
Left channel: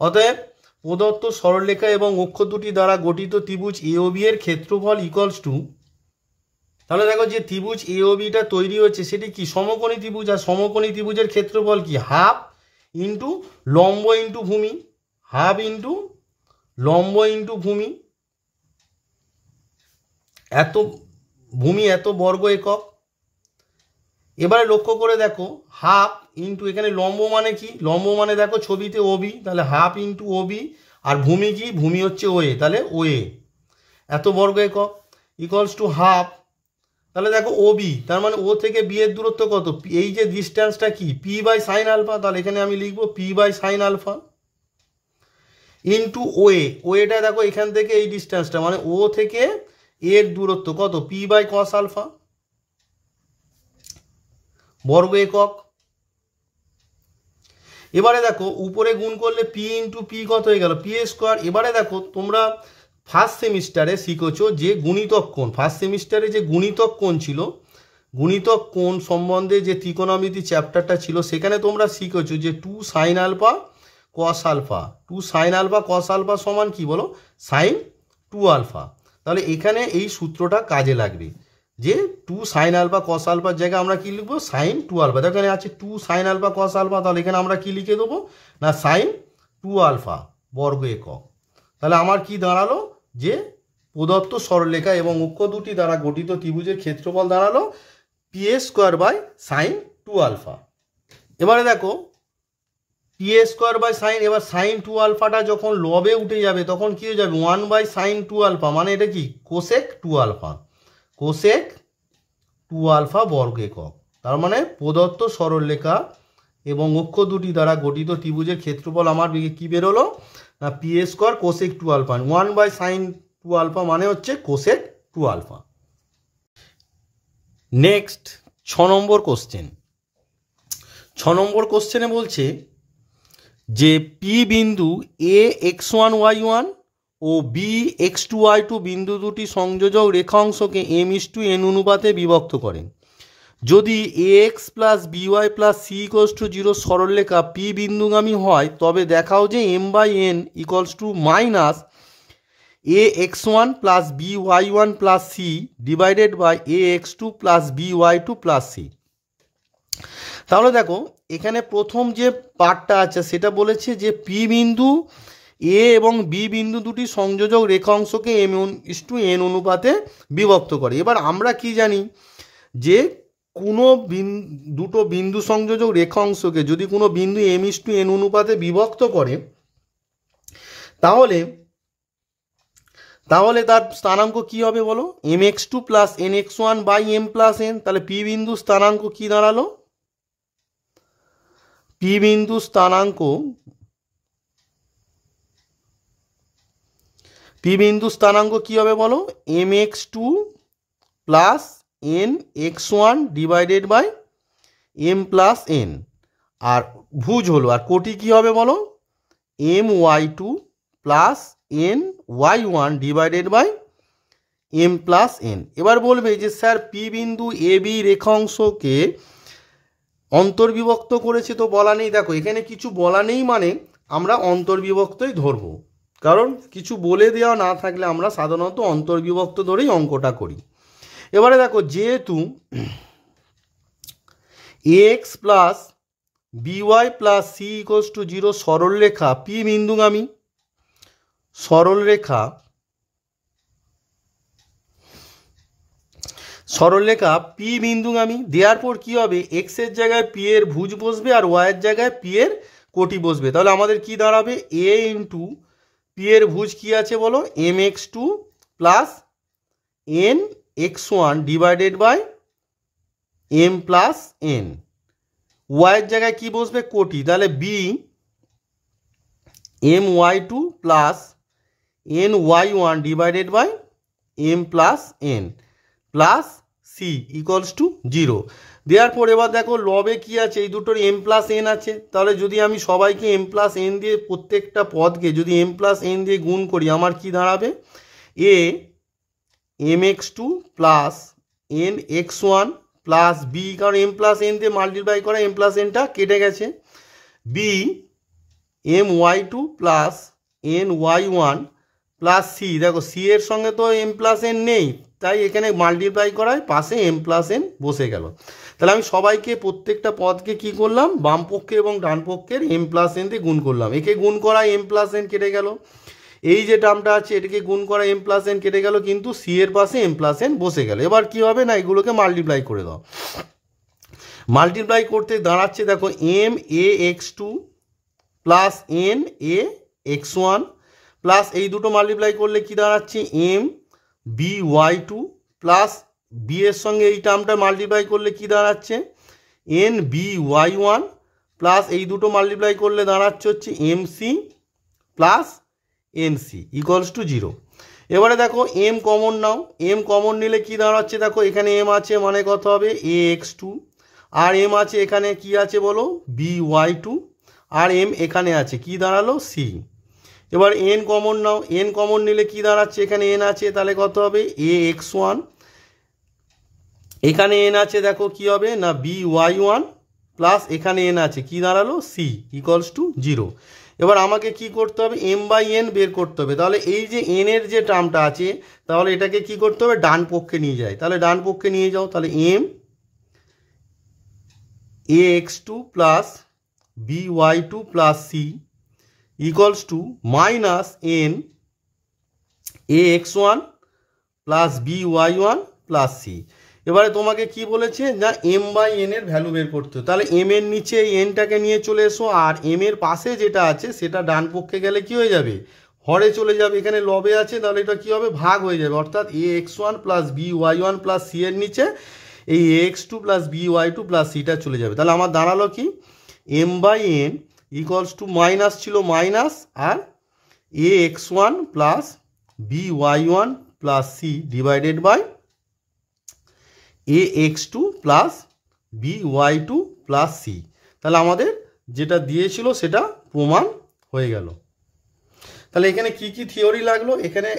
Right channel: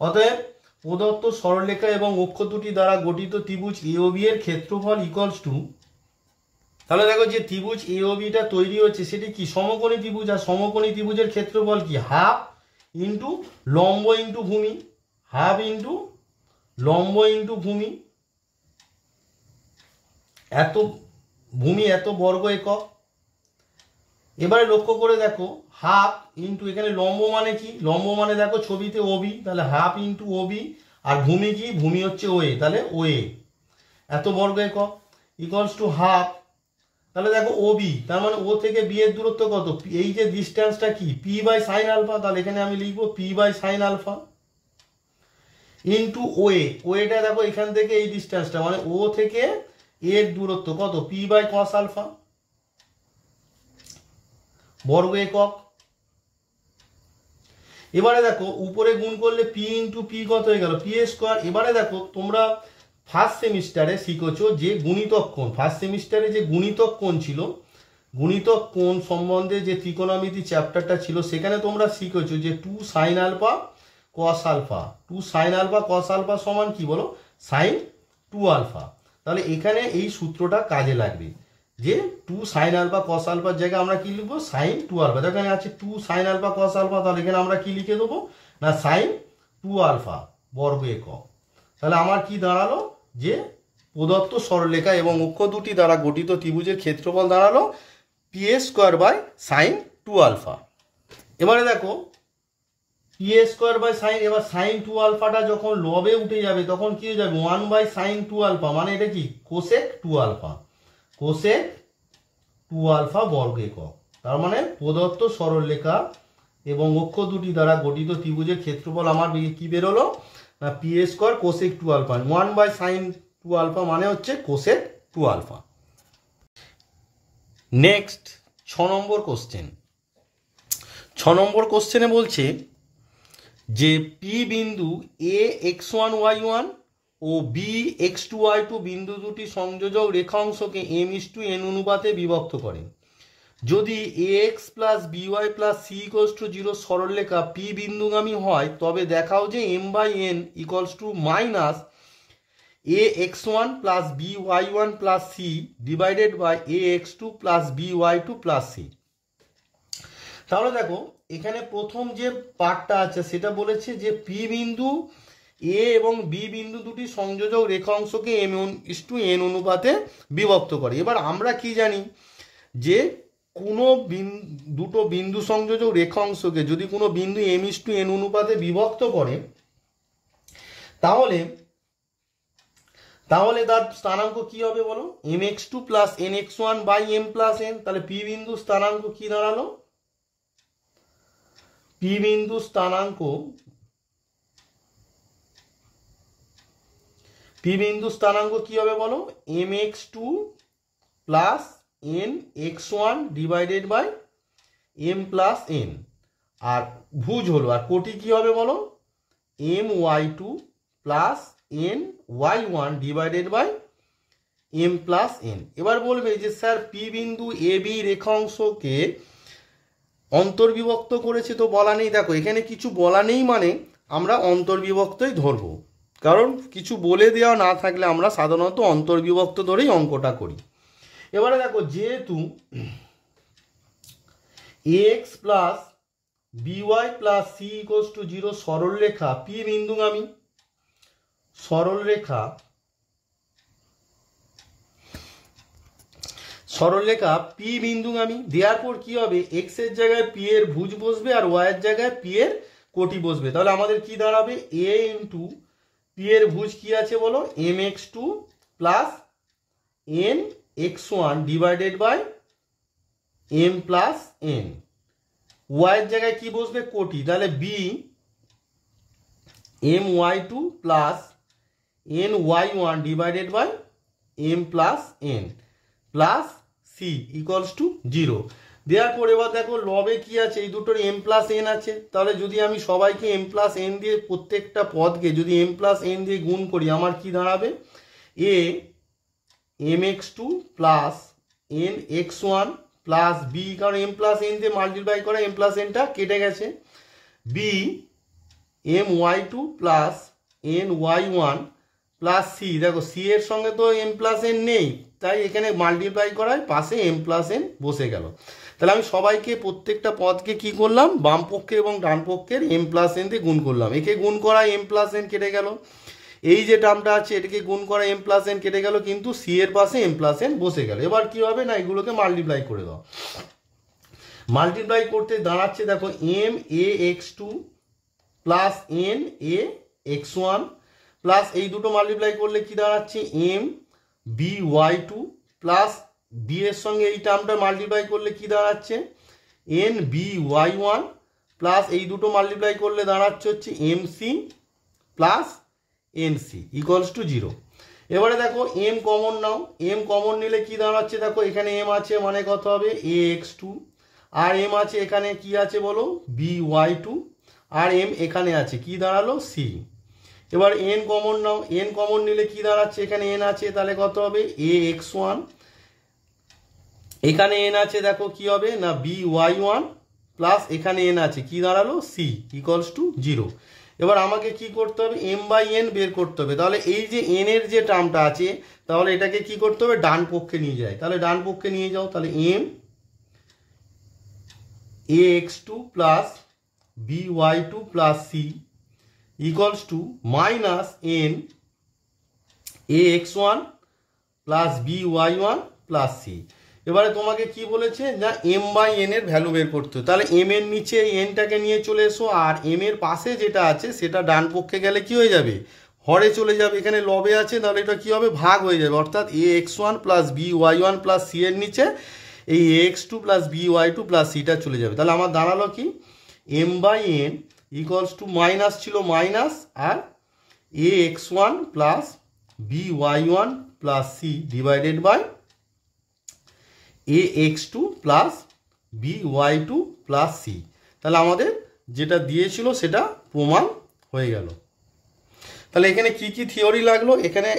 অতএব প্রদত্ত সরলরেখা এবং অক্ষ দুটি দ্বারা গঠিত ত্রিভুজ এ ও বি এর ক্ষেত্রফল ইকুয়ালস টু, তাহলে দেখো যে ত্রিভুজ এ ও বিটা তৈরি হচ্ছে সেটি কি সমকোণী ত্রিভুজ, আর সমকোণী ত্রিভুজের ক্ষেত্রফল কি, হাফ ইন্টু লম্ব ইন্টু ভূমি, হাফ ইন্টু লম্ব ইন্টু ভূমি, এত ভূমি এত বর্গ একক। এবারে লক্ষ্য করে দেখো, হাফ ইন্টু এখানে লম্ব মানে কি, লম্ব মানে দেখো ছবিতে ওবি, তাহলে হাফ ইন্টু ওবি, আর ভূমি কি, ভূমি হচ্ছে ওএ, তাহলে ওএ এত বর্গ একক ইকুয়ালস টু হাফ। তাহলে দেখো ওবি, তার মানে ও থেকে বি এর দূরত্ব কত, এই যে ডিস্টেন্সটা কি, পি বাই সাইন আলফা। তাহলে এখানে আমি লিখবো p by sine alpha into o a, ওএটা দেখো এখান থেকে এই ডিস্টেন্সটা মানে ও থেকে এর দূরত্ব কত, পি বাই কস আলফা বর্গ একক। এবারে দেখো উপরে গুণ করলে পি ইন্টু পি কত হয়ে গেল, পি স্কোয়ার। এবারে দেখো তোমরা ফার্স্ট সেমিস্টারে শিখেছো যে গুণিতক কোণ, ফার্স্ট সেমিস্টারে যে গুণিতক কোণ ছিল, গুণিতক কোণ সম্বন্ধে যে ত্রিকোণমিতি চ্যাপ্টারটা ছিল সেখানে তোমরা শিখেছো যে 2 sine alpha cos alpha, 2 sine alpha cos alpha সমান কি বলো, সাইন 2 আলফা। তাহলে এখানে এই সূত্রটা কাজে লাগবে যে 2 সাইন আলফা কস আলফার জায়গায় আমরা কি লিখবো, সাইন 2 আলফা। এখানে আছে 2 সাইন আলফা কস আলফা, তাহলে এখানে আমরা কি লিখে দেবো না সাইন 2 আলফা বর্গ একক। তাহলে আমার কি দাঁড়ালো যে প্রদত্ত সরলরেখা এবং অক্ষ দুটি দ্বারা গঠিত ত্রিভুজের ক্ষেত্রফল দাঁড়ালো p a square by sine 2 alpha. এবারে দেখো p a square by sine, এবার সাইন 2 আলফাটা যখন লবে উঠে যাবে তখন কি হয়ে যাবে 1 বাই সাইন 2 আলফা, মানে এটা কি কোসেক 2 আলফা, কোসেক 2 আলফা বর্গ একক। তার মানে প্রদত্ত সরলরেখা এবং অক্ষ দুটি দ্বারা গঠিত ত্রিভুজের ক্ষেত্রফল আমার কি বেরোলো না p a square cosec 2 alpha, 1 by sine 2 alpha মানে হচ্ছে cosec 2 alpha. Next 6 number question. 6 number কোশ্চেনে বলছে যে পি বিন্দু এ x1y1 ও বি x2y2 বিন্দু দুটি সংযোজক রেখাংশকে m:n অনুপাতে বিভক্ত করেন। যদি ax plus by plus c = 0 সরলরেখা পি বিন্দুগামী হয় তবে দেখাও যে m/n = minus ax1 plus by1 plus c divided by ax2 plus by2 plus c। তাহলে দেখো এখানে প্রথম যে পার্টটা আছে সেটা বলেছে যে পি বিন্দু এ এবং বি বিন্দু দুটি সংযোজক রেখাংশকে m:n অনুপাতে বিভক্ত করে। এবার আমরা কি জানি যে কোনো দুটো বিন্দু সংযোজক রেখাংশকে যদি কোনো বিন্দু m:n অনুপাতে বিভক্ত করে তাহলে তার স্থানাঙ্ক কি হবে বলো, mx2 plus nx1 by m plus n। তাহলে পি বিন্দু স্থানাঙ্ক কি দাঁড়ালো, পি বিন্দু স্থানাঙ্ক কি হবে বলো, mx2 plus nx1 divided by m plus n। আর ভুজ হলো, আর কোটি কি হবে বলো, my2 plus ny1 divided by m plus n। এবার বলবে যে স্যার পি বিন্দু এ বি রেখাংশকে অন্তর্বিভক্ত করেছে তো বলা নেই। দেখো এখানে কিছু বলা নেই মানে আমরা অন্তর্বিভক্তই ধরবো, কারণ কিছু বলে দেওয়া না থাকলে আমরা সাধারণত অন্তর্বিভক্ত ধরেই অঙ্কটা করি। এবারে দেখো যেহেতু ax plus by plus c = 0 সরলরেখা পি বিন্দুগামী, সরলরেখা পি বিন্দুগামী দেওয়ার পর কি হবে, এক্স এর জায়গায় পি এর ভুজ বসবে আর ওয়াই এর জায়গায় পি এর কোটি বসবে। তাহলে আমাদের কি দাঁড়াবে, এ ইন্টু পি এর ভুজ কি আছে বলো, mx2 plus nx1 divided by m plus n। Y এর জায়গায় কি বসবে, কোটি, তাহলে b my2 plus ny1 divided by m plus n plus c = 0। দেওয়ার পর এবার দেখো লবে কি আছে, এই দুটোর m প্লাস n আছে। তাহলে যদি আমি সবাইকে m প্লাস n দিয়ে প্রত্যেকটা পদকে যদি m প্লাস n দিয়ে গুণ করি আমার কি দাঁড়াবে, a mx2 plus nx1 plus b, কারণ m প্লাস n দিয়ে মাল্টিপ্লাই করা m প্লাস nটা কেটে গেছে, b my2 plus ny1 plus c। দেখো c এর সঙ্গে তো m প্লাস n নেই, তাই এখানে মাল্টিপ্লাই করায় পাশে m প্লাস n বসে গেল। তাহলে আমি সবাইকে প্রত্যেকটা পদকে কি করলাম, বাম পক্ষে এবং ডান পক্ষের m প্লাস n দিয়ে গুণ করলাম। একে গুণ করা m প্লাস n কেটে গেল, এই যে টার্মটা আছে এটাকে গুণ করা m প্লাস n কেটে গেল, কিন্তু c এর পাশে m প্লাস n বসে গেল। এবার কি হবে না এগুলোকে মাল্টিপ্লাই করে দাও। মাল্টিপ্লাই করতে দাঁড়াচ্ছে দেখো max2 প্লাস nax1 প্লাস এই দুটো মাল্টিপ্লাই করলে কি দাঁড়াচ্ছে by2 প্লাস b এর সঙ্গে এই টার্মটা মাল্টিপ্লাই করলে কি দাঁড়াচ্ছে nby1 প্লাস এই দুটো মাল্টিপ্লাই করলে দাঁড়াচ্ছে হচ্ছে mc প্লাস nc = 0। এবারে দেখো m কমন নাও, m কমন নিলে কি দাঁড়াচ্ছে, দেখো এখানে m আছে মানে কত হবে ax2, আর m আছে এখানে কি আছে বলো by2, আর m এখানে আছে কি দাঁড়ালো c। এবার n কমন নাও, n কমন নিলে কি দাঁড়াচ্ছে, এখানে n আছে তাহলে কত হবে ax1, এখানে n আছে দেখো কি হবে না by1 প্লাস এখানে n আছে কি দাঁড়ালো c = 0। এবার আমাকে কি করতে হবে, এম বাই এন বের করতে হবে। তাহলে এই যে এন এর যে টার্মটা আছে, তাহলে এটাকে কি করতে হবে, ডান পক্ষে নিয়ে যায়। তাহলে ডান পক্ষে নিয়ে যাও, তাহলে m a x two plus b y two plus c equals to minus n a x one plus b y one plus c. এবারে তোমাকে কি বলেছে, না এম বাই এন এর ভ্যালু বের করতে হবে। তাহলে এম এর নিচে এনটাকে নিয়ে চলে এসো, আর এম এর পাশে যেটা আছে সেটা ডান পক্ষে গেলে কি হয়ে যাবে, হরে চলে যাবে। এখানে লবে আছে, তাহলে এটা কি হবে, ভাগ হয়ে যাবে। অর্থাৎ a x one plus b y one plus c এর নিচে এই a x two plus b y two plus সিটা চলে যাবে। তাহলে আমার দাঁড়ালো কি, m by n equals to minus ছিল মাইনাস, আর a x one plus b y one plus c divided by a x two plus b y two plus c. তাহলে আমাদের যেটা দিয়েছিল সেটা প্রমাণ হয়ে গেল। তাহলে এখানে কি কি থিওরি লাগলো, এখানে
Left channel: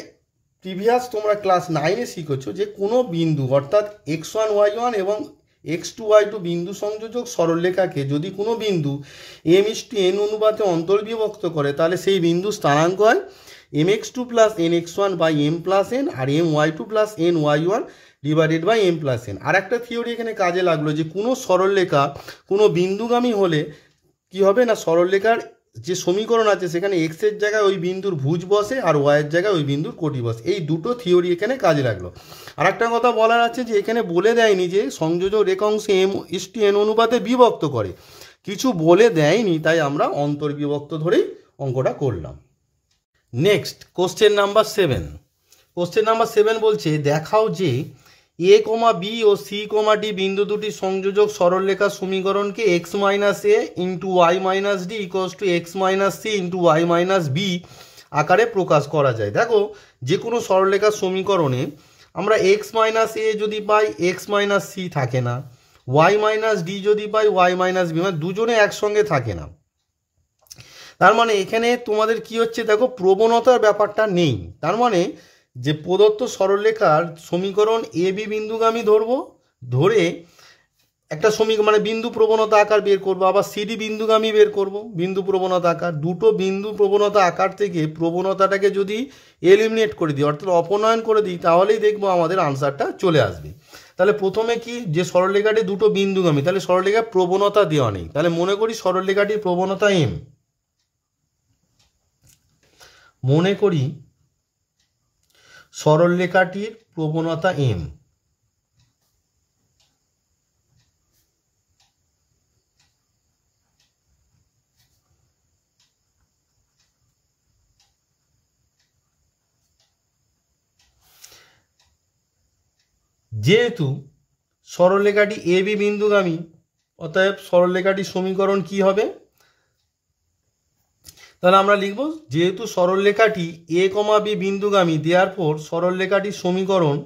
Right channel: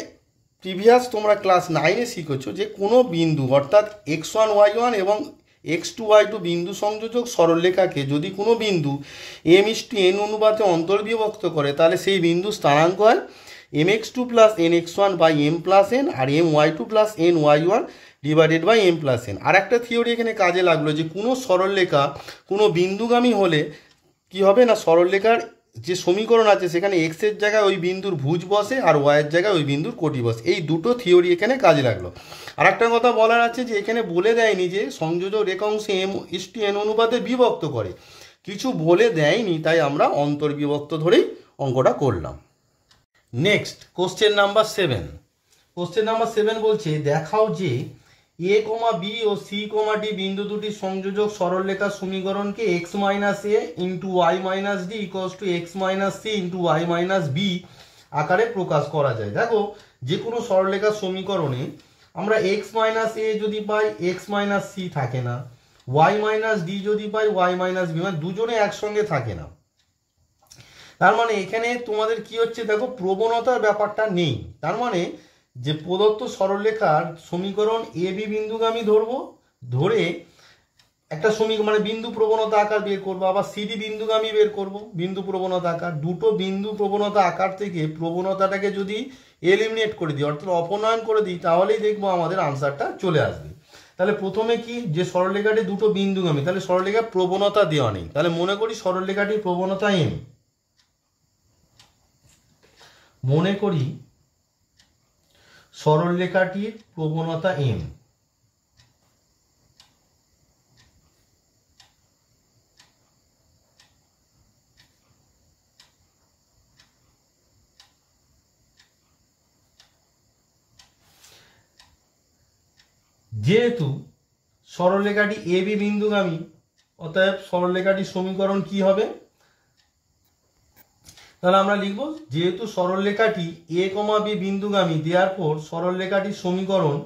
প্রিভিয়াস তোমরা ক্লাস 9-এ শিখেছো যে কোনো বিন্দু অর্থাৎ এক্স ওয়ান ওয়াই ওয়ান এবং এক্স টু ওয়াই টু বিন্দু সংযোজক সরলরেখাকে যদি কোনো বিন্দু এম ইস টু এন অনুপাতে অন্তর্বিভক্ত করে, তাহলে সেই বিন্দু স্থানাঙ্ক হয় m x two plus n x one by m plus n, আর m y two plus n y one divided by m plus n. আর একটা থিওরি এখানে কাজে লাগলো যে কোনো সরলরেখা কোনো বিন্দুগামী হলে কি হবে না, সরলরেখার যে সমীকরণ আছে সেখানে এক্স এর জায়গায় ওই বিন্দুর ভুজ বসে আর ওয়াইয়ের জায়গায় ওই বিন্দুর কোটি বসে। এই দুটো থিওরি এখানে কাজে লাগলো। আর একটা কথা বলার আছে যে এখানে বলে দেয়নি যে সংযোজক রেখাংশে এম ইস টু এন অনুপাতে বিভক্ত করে, কিছু বলে দেয়নি, তাই আমরা অন্তর্বিভক্ত ধরেই অঙ্কটা করলাম। Next question number 7। Question number 7 বলছে দেখাও যে এ কমা বি ও সি কমা ডি বিন্দু দুটি সংযোজক সরলরেখার সমীকরণকে x minus a into y minus d equals to x minus c into y minus b আকারে প্রকাশ করা যায়। দেখো যে কোনো সরলরেখার সমীকরণে আমরা এক্স মাইনাস এ যদি পাই এক্স মাইনাস সি থাকে না, ওয়াই মাইনাস ডি যদি পাই ওয়াই মাইনাস বি, মানে দুজনে একসঙ্গে থাকে না। তার মানে এখানে তোমাদের কি হচ্ছে, দেখো প্রবণতার ব্যাপারটা নেই। তার মানে যে প্রদত্ত সরলরেখার সমীকরণ এ বি বিন্দুগামী ধরবো, ধরে একটা সমীকরণ মানে বিন্দু প্রবণতা আকার বের করবো, আবার সিডি বিন্দুগামী বের করব বিন্দু প্রবণতা আকার। দুটো বিন্দু প্রবণতা আকার থেকে প্রবণতাটাকে যদি এলিমিনেট করে দিই অর্থাৎ অপনয়ন করে দিই, তাহলেই দেখবো আমাদের আনসারটা চলে আসবে। তাহলে প্রথমে কি, যে সরলরেখাটি দুটো বিন্দুগামী, তাহলে সরলরেখার প্রবণতা দেওয়া নেই। তাহলে মনে করি সরলরেখাটির প্রবণতা এম, মনে করি সরলরেখাটির প্রবণতা এম। যেহেতু সরলরেখাটি এ বি বিন্দুগামী, অতএব সরলরেখাটির সমীকরণ কি হবে, তাহলে আমরা লিখব যেহেতু সরলরেখাটি এ কমা বি বিন্দুগামী, দেয়ারফর সরলরেখাটির সমীকরণ,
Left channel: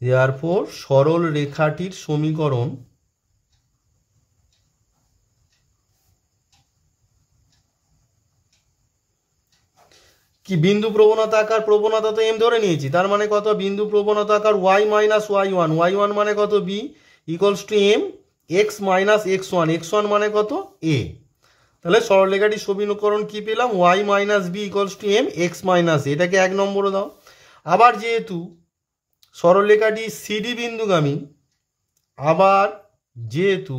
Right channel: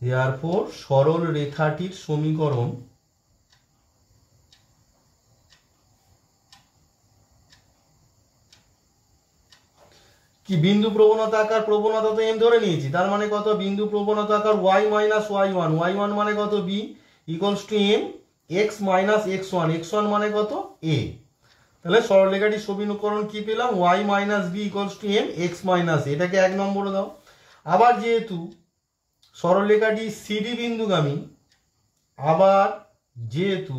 দেয়ারফর সরলরেখাটির সমীকরণ কি, বিন্দু প্রবণতা আকার, প্রবণতা তো এম ধরে নিয়েছি, তার মানে কত, বিন্দু প্রবণতা আকার y minus y one, y one মানে কত b equals to m x minus x one, x one মানে কত এ। তাহলে সরলরেখাটির সমীকরণ কি পেলাম, y minus b equals to m x minus, এটাকে 1 নম্বরে দাও। আবার যেহেতু সরলরেখাটি সিডি বিন্দুগামী, আবার যেহেতু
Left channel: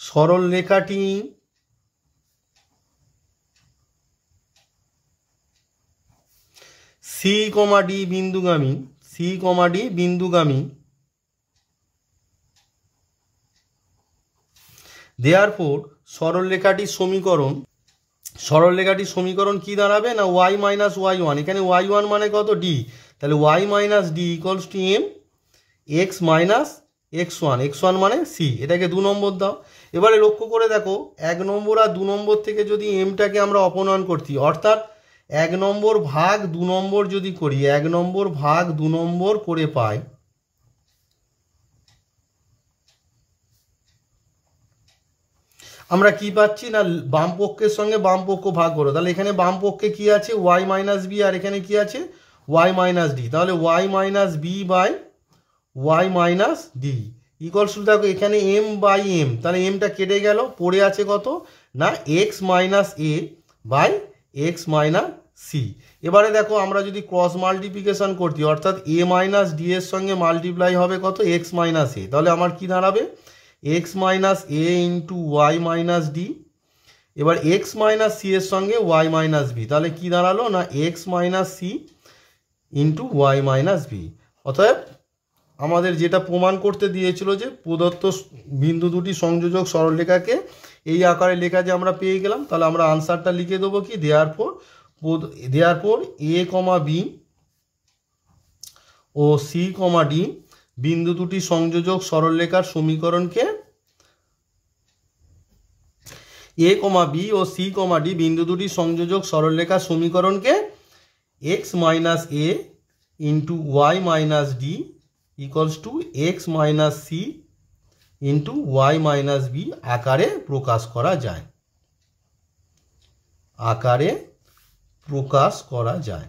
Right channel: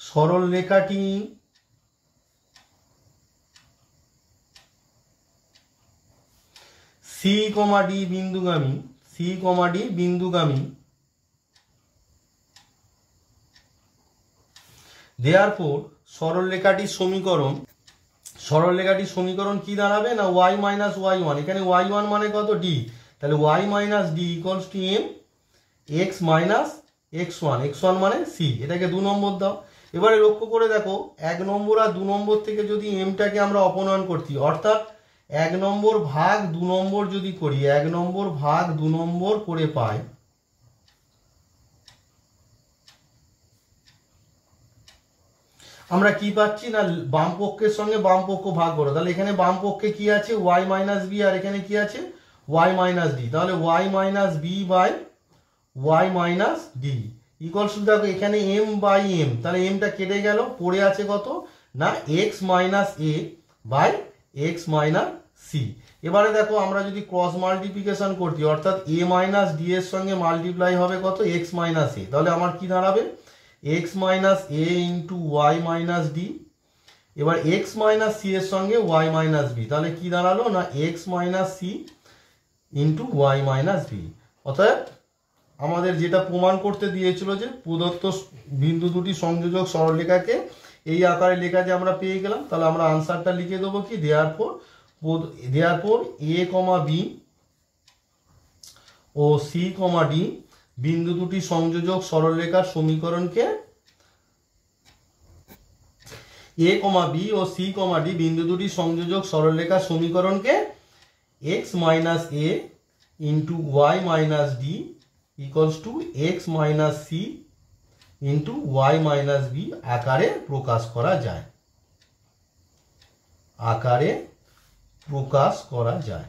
সরলরেখাটি সি কমা ডি বিন্দুগামী, সি কমা ডি বিন্দুগামী, দেয়ারফর সরলরেখাটির সমীকরণ, সরলরেখাটির সমীকরণ কি দাঁড়াবে না, ওয়াই মাইনাস ওয়াই ওয়ান, এখানে ওয়াই ওয়ান মানে কত ডি, তাহলে y minus d equals to m x minus x one, x one মানে সি, এটাকে 2 নম্বর দাও। এবারে লক্ষ্য করে দেখো 1 নম্বর আর 2 নম্বর থেকে যদি এমটাকে আমরা অপনয়ন করছি, অর্থাৎ 1 নম্বর ভাগ 2 নম্বর যদি করি, 1 নম্বর ভাগ 2 নম্বর করে পাই, আমরা কি পাচ্ছি না, বাম পক্ষের সঙ্গে বাম পক্ষ ভাগ করো, তাহলে এখানে বাম পক্ষে কি আছে ওয়াই মাইনাস বি, আর এখানে কি আছে ওয়াই মাইনাস ডি, তাহলে y minus b by y minus d equals to দেখো এখানে এম বাই এম, তাহলে এমটা কেটে গেল, পড়ে আছে কত না x minus a by x minus c. এবারে দেখো আমরা যদি ক্রস মাল্টিপ্লিকেশন করছি অর্থাৎ এ মাইনাস ডি এর সঙ্গে মাল্টিপ্লাই হবে কত এক্স মাইনাস এ, তাহলে আমার কি দাঁড়াবে x minus a into y minus d. এবার এক্স মাইনাস সি এর সঙ্গে ওয়াই মাইনাস বি, তাহলে কি দাঁড়ালো না x minus c into y minus b. অতএব আমাদের যেটা প্রমাণ করতে দিয়েছিল যে প্রদত্ত বিন্দু দুটি সংযোজক সরলরেখাকে এই আকারে লেখা যে আমরা পেয়ে গেলাম, তাহলে আমরা আনসারটা লিখে দেবো কি দেয়ারফর এ কমা বি ও সি কমা ডি বিন্দু দুটি সংযোজক সরলরেখার সমীকরণকে এ কমা বি ও সি কমা ডি বিন্দু দুটি সংযোজক সরলরেখার সমীকরণকে x minus a into y minus d equals to x minus c into y minus b আকারে প্রকাশ করা যায়, আকারে প্রকাশ করা যায়।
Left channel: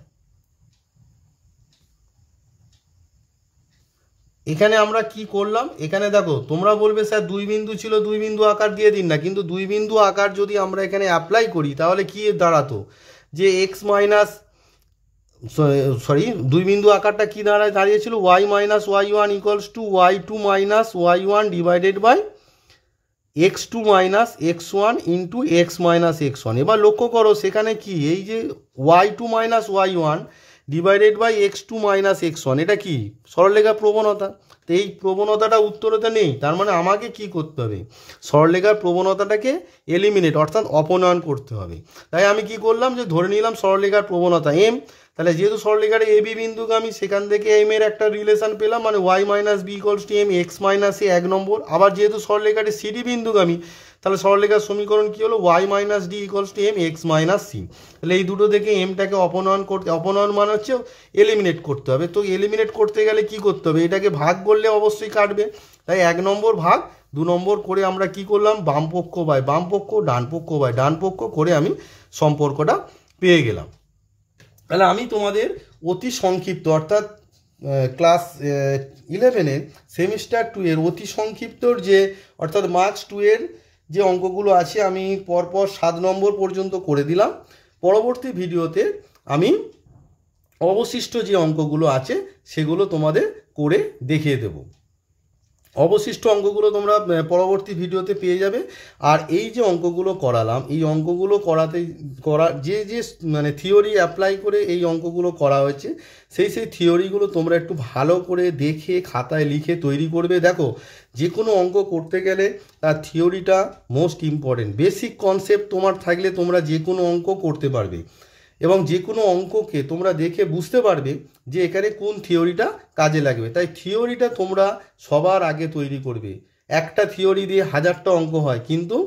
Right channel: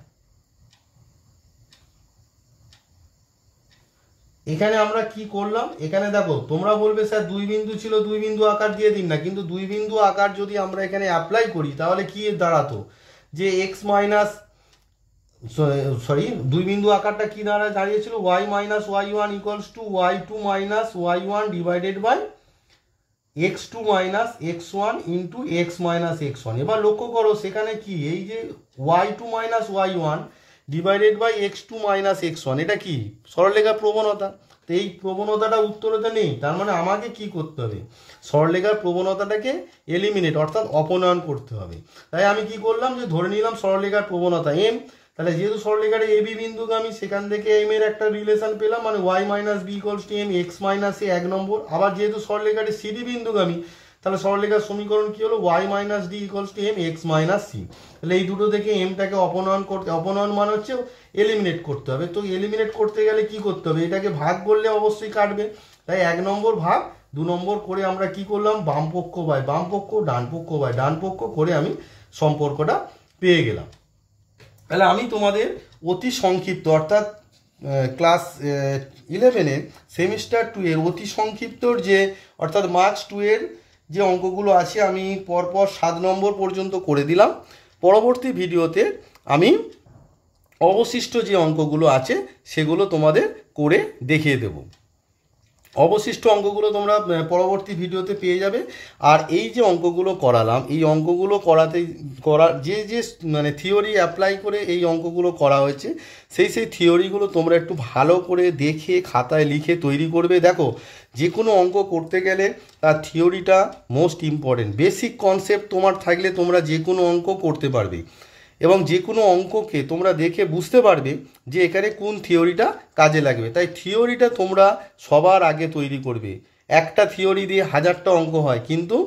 এখানে আমরা কি করলাম, এখানে দেখো তোমরা বলবে স্যার দুই বিন্দু ছিল দুই বিন্দু আকার দিয়ে দিন না, কিন্তু দুই বিন্দু আকার যদি আমরা এখানে অ্যাপ্লাই করি তাহলে কি দাঁড়াতো যে এক্স মাইনাস দুই বিন্দু আকারটা কি দাঁড়িয়েছিল y minus y one equals to y two minus y one divided by x two minus x one into x minus x one. এবার লক্ষ্য করো সেখানে কি এই যে y two minus y one divided by x two minus x one, এটা কি সরলরেখার প্রবণতা। তো এই প্রবণতাটা উত্তরেতে নেই, তার মানে আমাকে কি করতে হবে সরলরেখার প্রবণতাটাকে এলিমিনেট অর্থাৎ অপনয়ন করতে হবে। তাই আমি কি করলাম যে ধরে নিলাম সরলরেখার প্রবণতা এম, তাহলে যেহেতু সরলরেখার এ বি বিন্দুগামী সেখান থেকে এম এর একটা রিলেশন পেলাম, মানে y minus b equals to m x minus a 1 নম্বর। আবার যেহেতু সরলরেখাটি সিডি বিন্দুগামী তাহলে সরলরেখার সমীকরণ কি হলো y minus d equals to m x minus c. তাহলে এই দুটো থেকে এমটাকে অপনয়ন মানে হচ্ছে এলিমিনেট করতে হবে। তো এলিমিনেট করতে গেলে কি করতে হবে, এটাকে ভাগ করলে অবশ্যই কাটবে, তাই 1 নম্বর ভাগ 2 নম্বর করে আমরা কি করলাম বাম পক্ষ বাই বাম পক্ষ ডান পক্ষ বাই ডান পক্ষ করে আমি সম্পর্কটা পেয়ে গেলাম। তাহলে আমি তোমাদের অতি সংক্ষিপ্ত অর্থাৎ ক্লাস 11-এর সেমিস্টার 2 এর অতি সংক্ষিপ্তর যে অর্থাৎ মার্কস 2 এর যে অঙ্কগুলো আছে আমি পরপর 7 নম্বর পর্যন্ত করে দিলাম। পরবর্তী ভিডিওতে আমি অবশিষ্ট যে অঙ্কগুলো আছে সেগুলো তোমাদের করে দেখিয়ে দেব। অবশিষ্ট অঙ্কগুলো তোমরা পরবর্তী ভিডিওতে পেয়ে যাবে। আর এই যে অঙ্কগুলো করালাম এই অঙ্কগুলো যে মানে থিওরি অ্যাপ্লাই করে এই অঙ্কগুলো করা হয়েছে সেই থিওরিগুলো তোমরা একটু ভালো করে দেখে খাতায় লিখে তৈরি করবে। দেখো যে কোনো অঙ্ক করতে গেলে তার থিওরিটা মোস্ট ইম্পর্টেন্ট। বেসিক কনসেপ্ট তোমার থাকলে তোমরা যে কোনো অঙ্ক করতে পারবে এবং যে কোনো অঙ্ককে তোমরা দেখে বুঝতে পারবে যে এখানে কোন থিওরিটা কাজে লাগবে। তাই থিওরিটা তোমরা সবার আগে তৈরি করবে। একটা থিওরি দিয়ে 1000টা অঙ্ক হয়, কিন্তু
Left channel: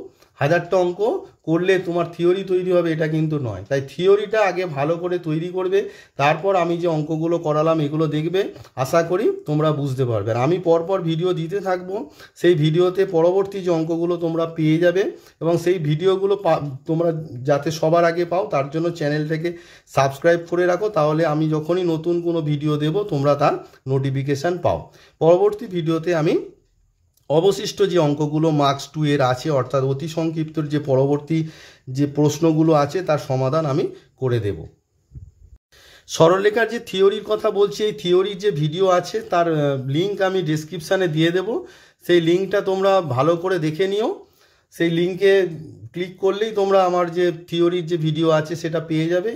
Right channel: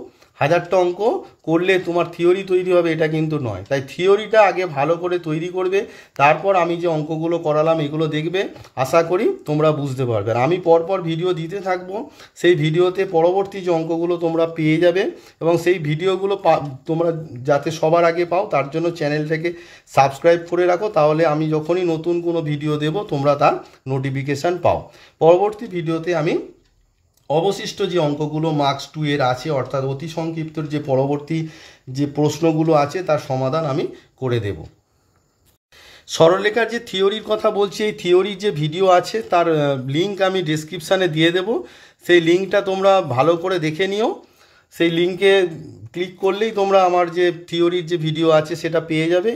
1000টা অঙ্ক করলে তোমার থিওরি তৈরি হবে এটা কিন্তু নয়। তাই থিওরিটা আগে ভালো করে তৈরি করবে, তারপর আমি যে অঙ্কগুলো করালাম এগুলো দেখবে, আশা করি তোমরা বুঝতে পারবে। আর আমি পরপর ভিডিও দিতে থাকবো, সেই ভিডিওতে পরবর্তী যে অঙ্কগুলো তোমরা পেয়ে যাবে এবং সেই ভিডিওগুলো তোমরা যাতে সবার আগে পাও তার জন্য চ্যানেলটাকে সাবস্ক্রাইব করে রাখো, তাহলে আমি যখনই নতুন কোনো ভিডিও দেব তোমরা তার নোটিফিকেশান পাও। পরবর্তী ভিডিওতে আমি অবশিষ্ট যে অঙ্কগুলো মার্কস 2 এর আছে অর্থাৎ অতি সংক্ষিপ্তর যে পরবর্তী যে প্রশ্নগুলো আছে তার সমাধান আমি করে দেব। সরলরেখার যে থিওরির কথা বলছি এই থিওরির যে ভিডিও আছে তার লিঙ্ক আমি ডেসক্রিপশানে দিয়ে দেব, সেই লিঙ্কটা তোমরা ভালো করে দেখে নিও। সেই লিঙ্কে ক্লিক করলেই তোমরা আমার যে থিওরির যে ভিডিও আছে সেটা পেয়ে যাবে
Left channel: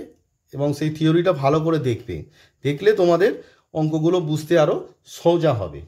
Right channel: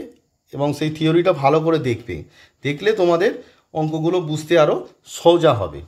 এবং সেই থিওরিটা ভালো করে দেখবে, দেখলে তোমাদের অঙ্কগুলো বুঝতে আরও সোজা হবে।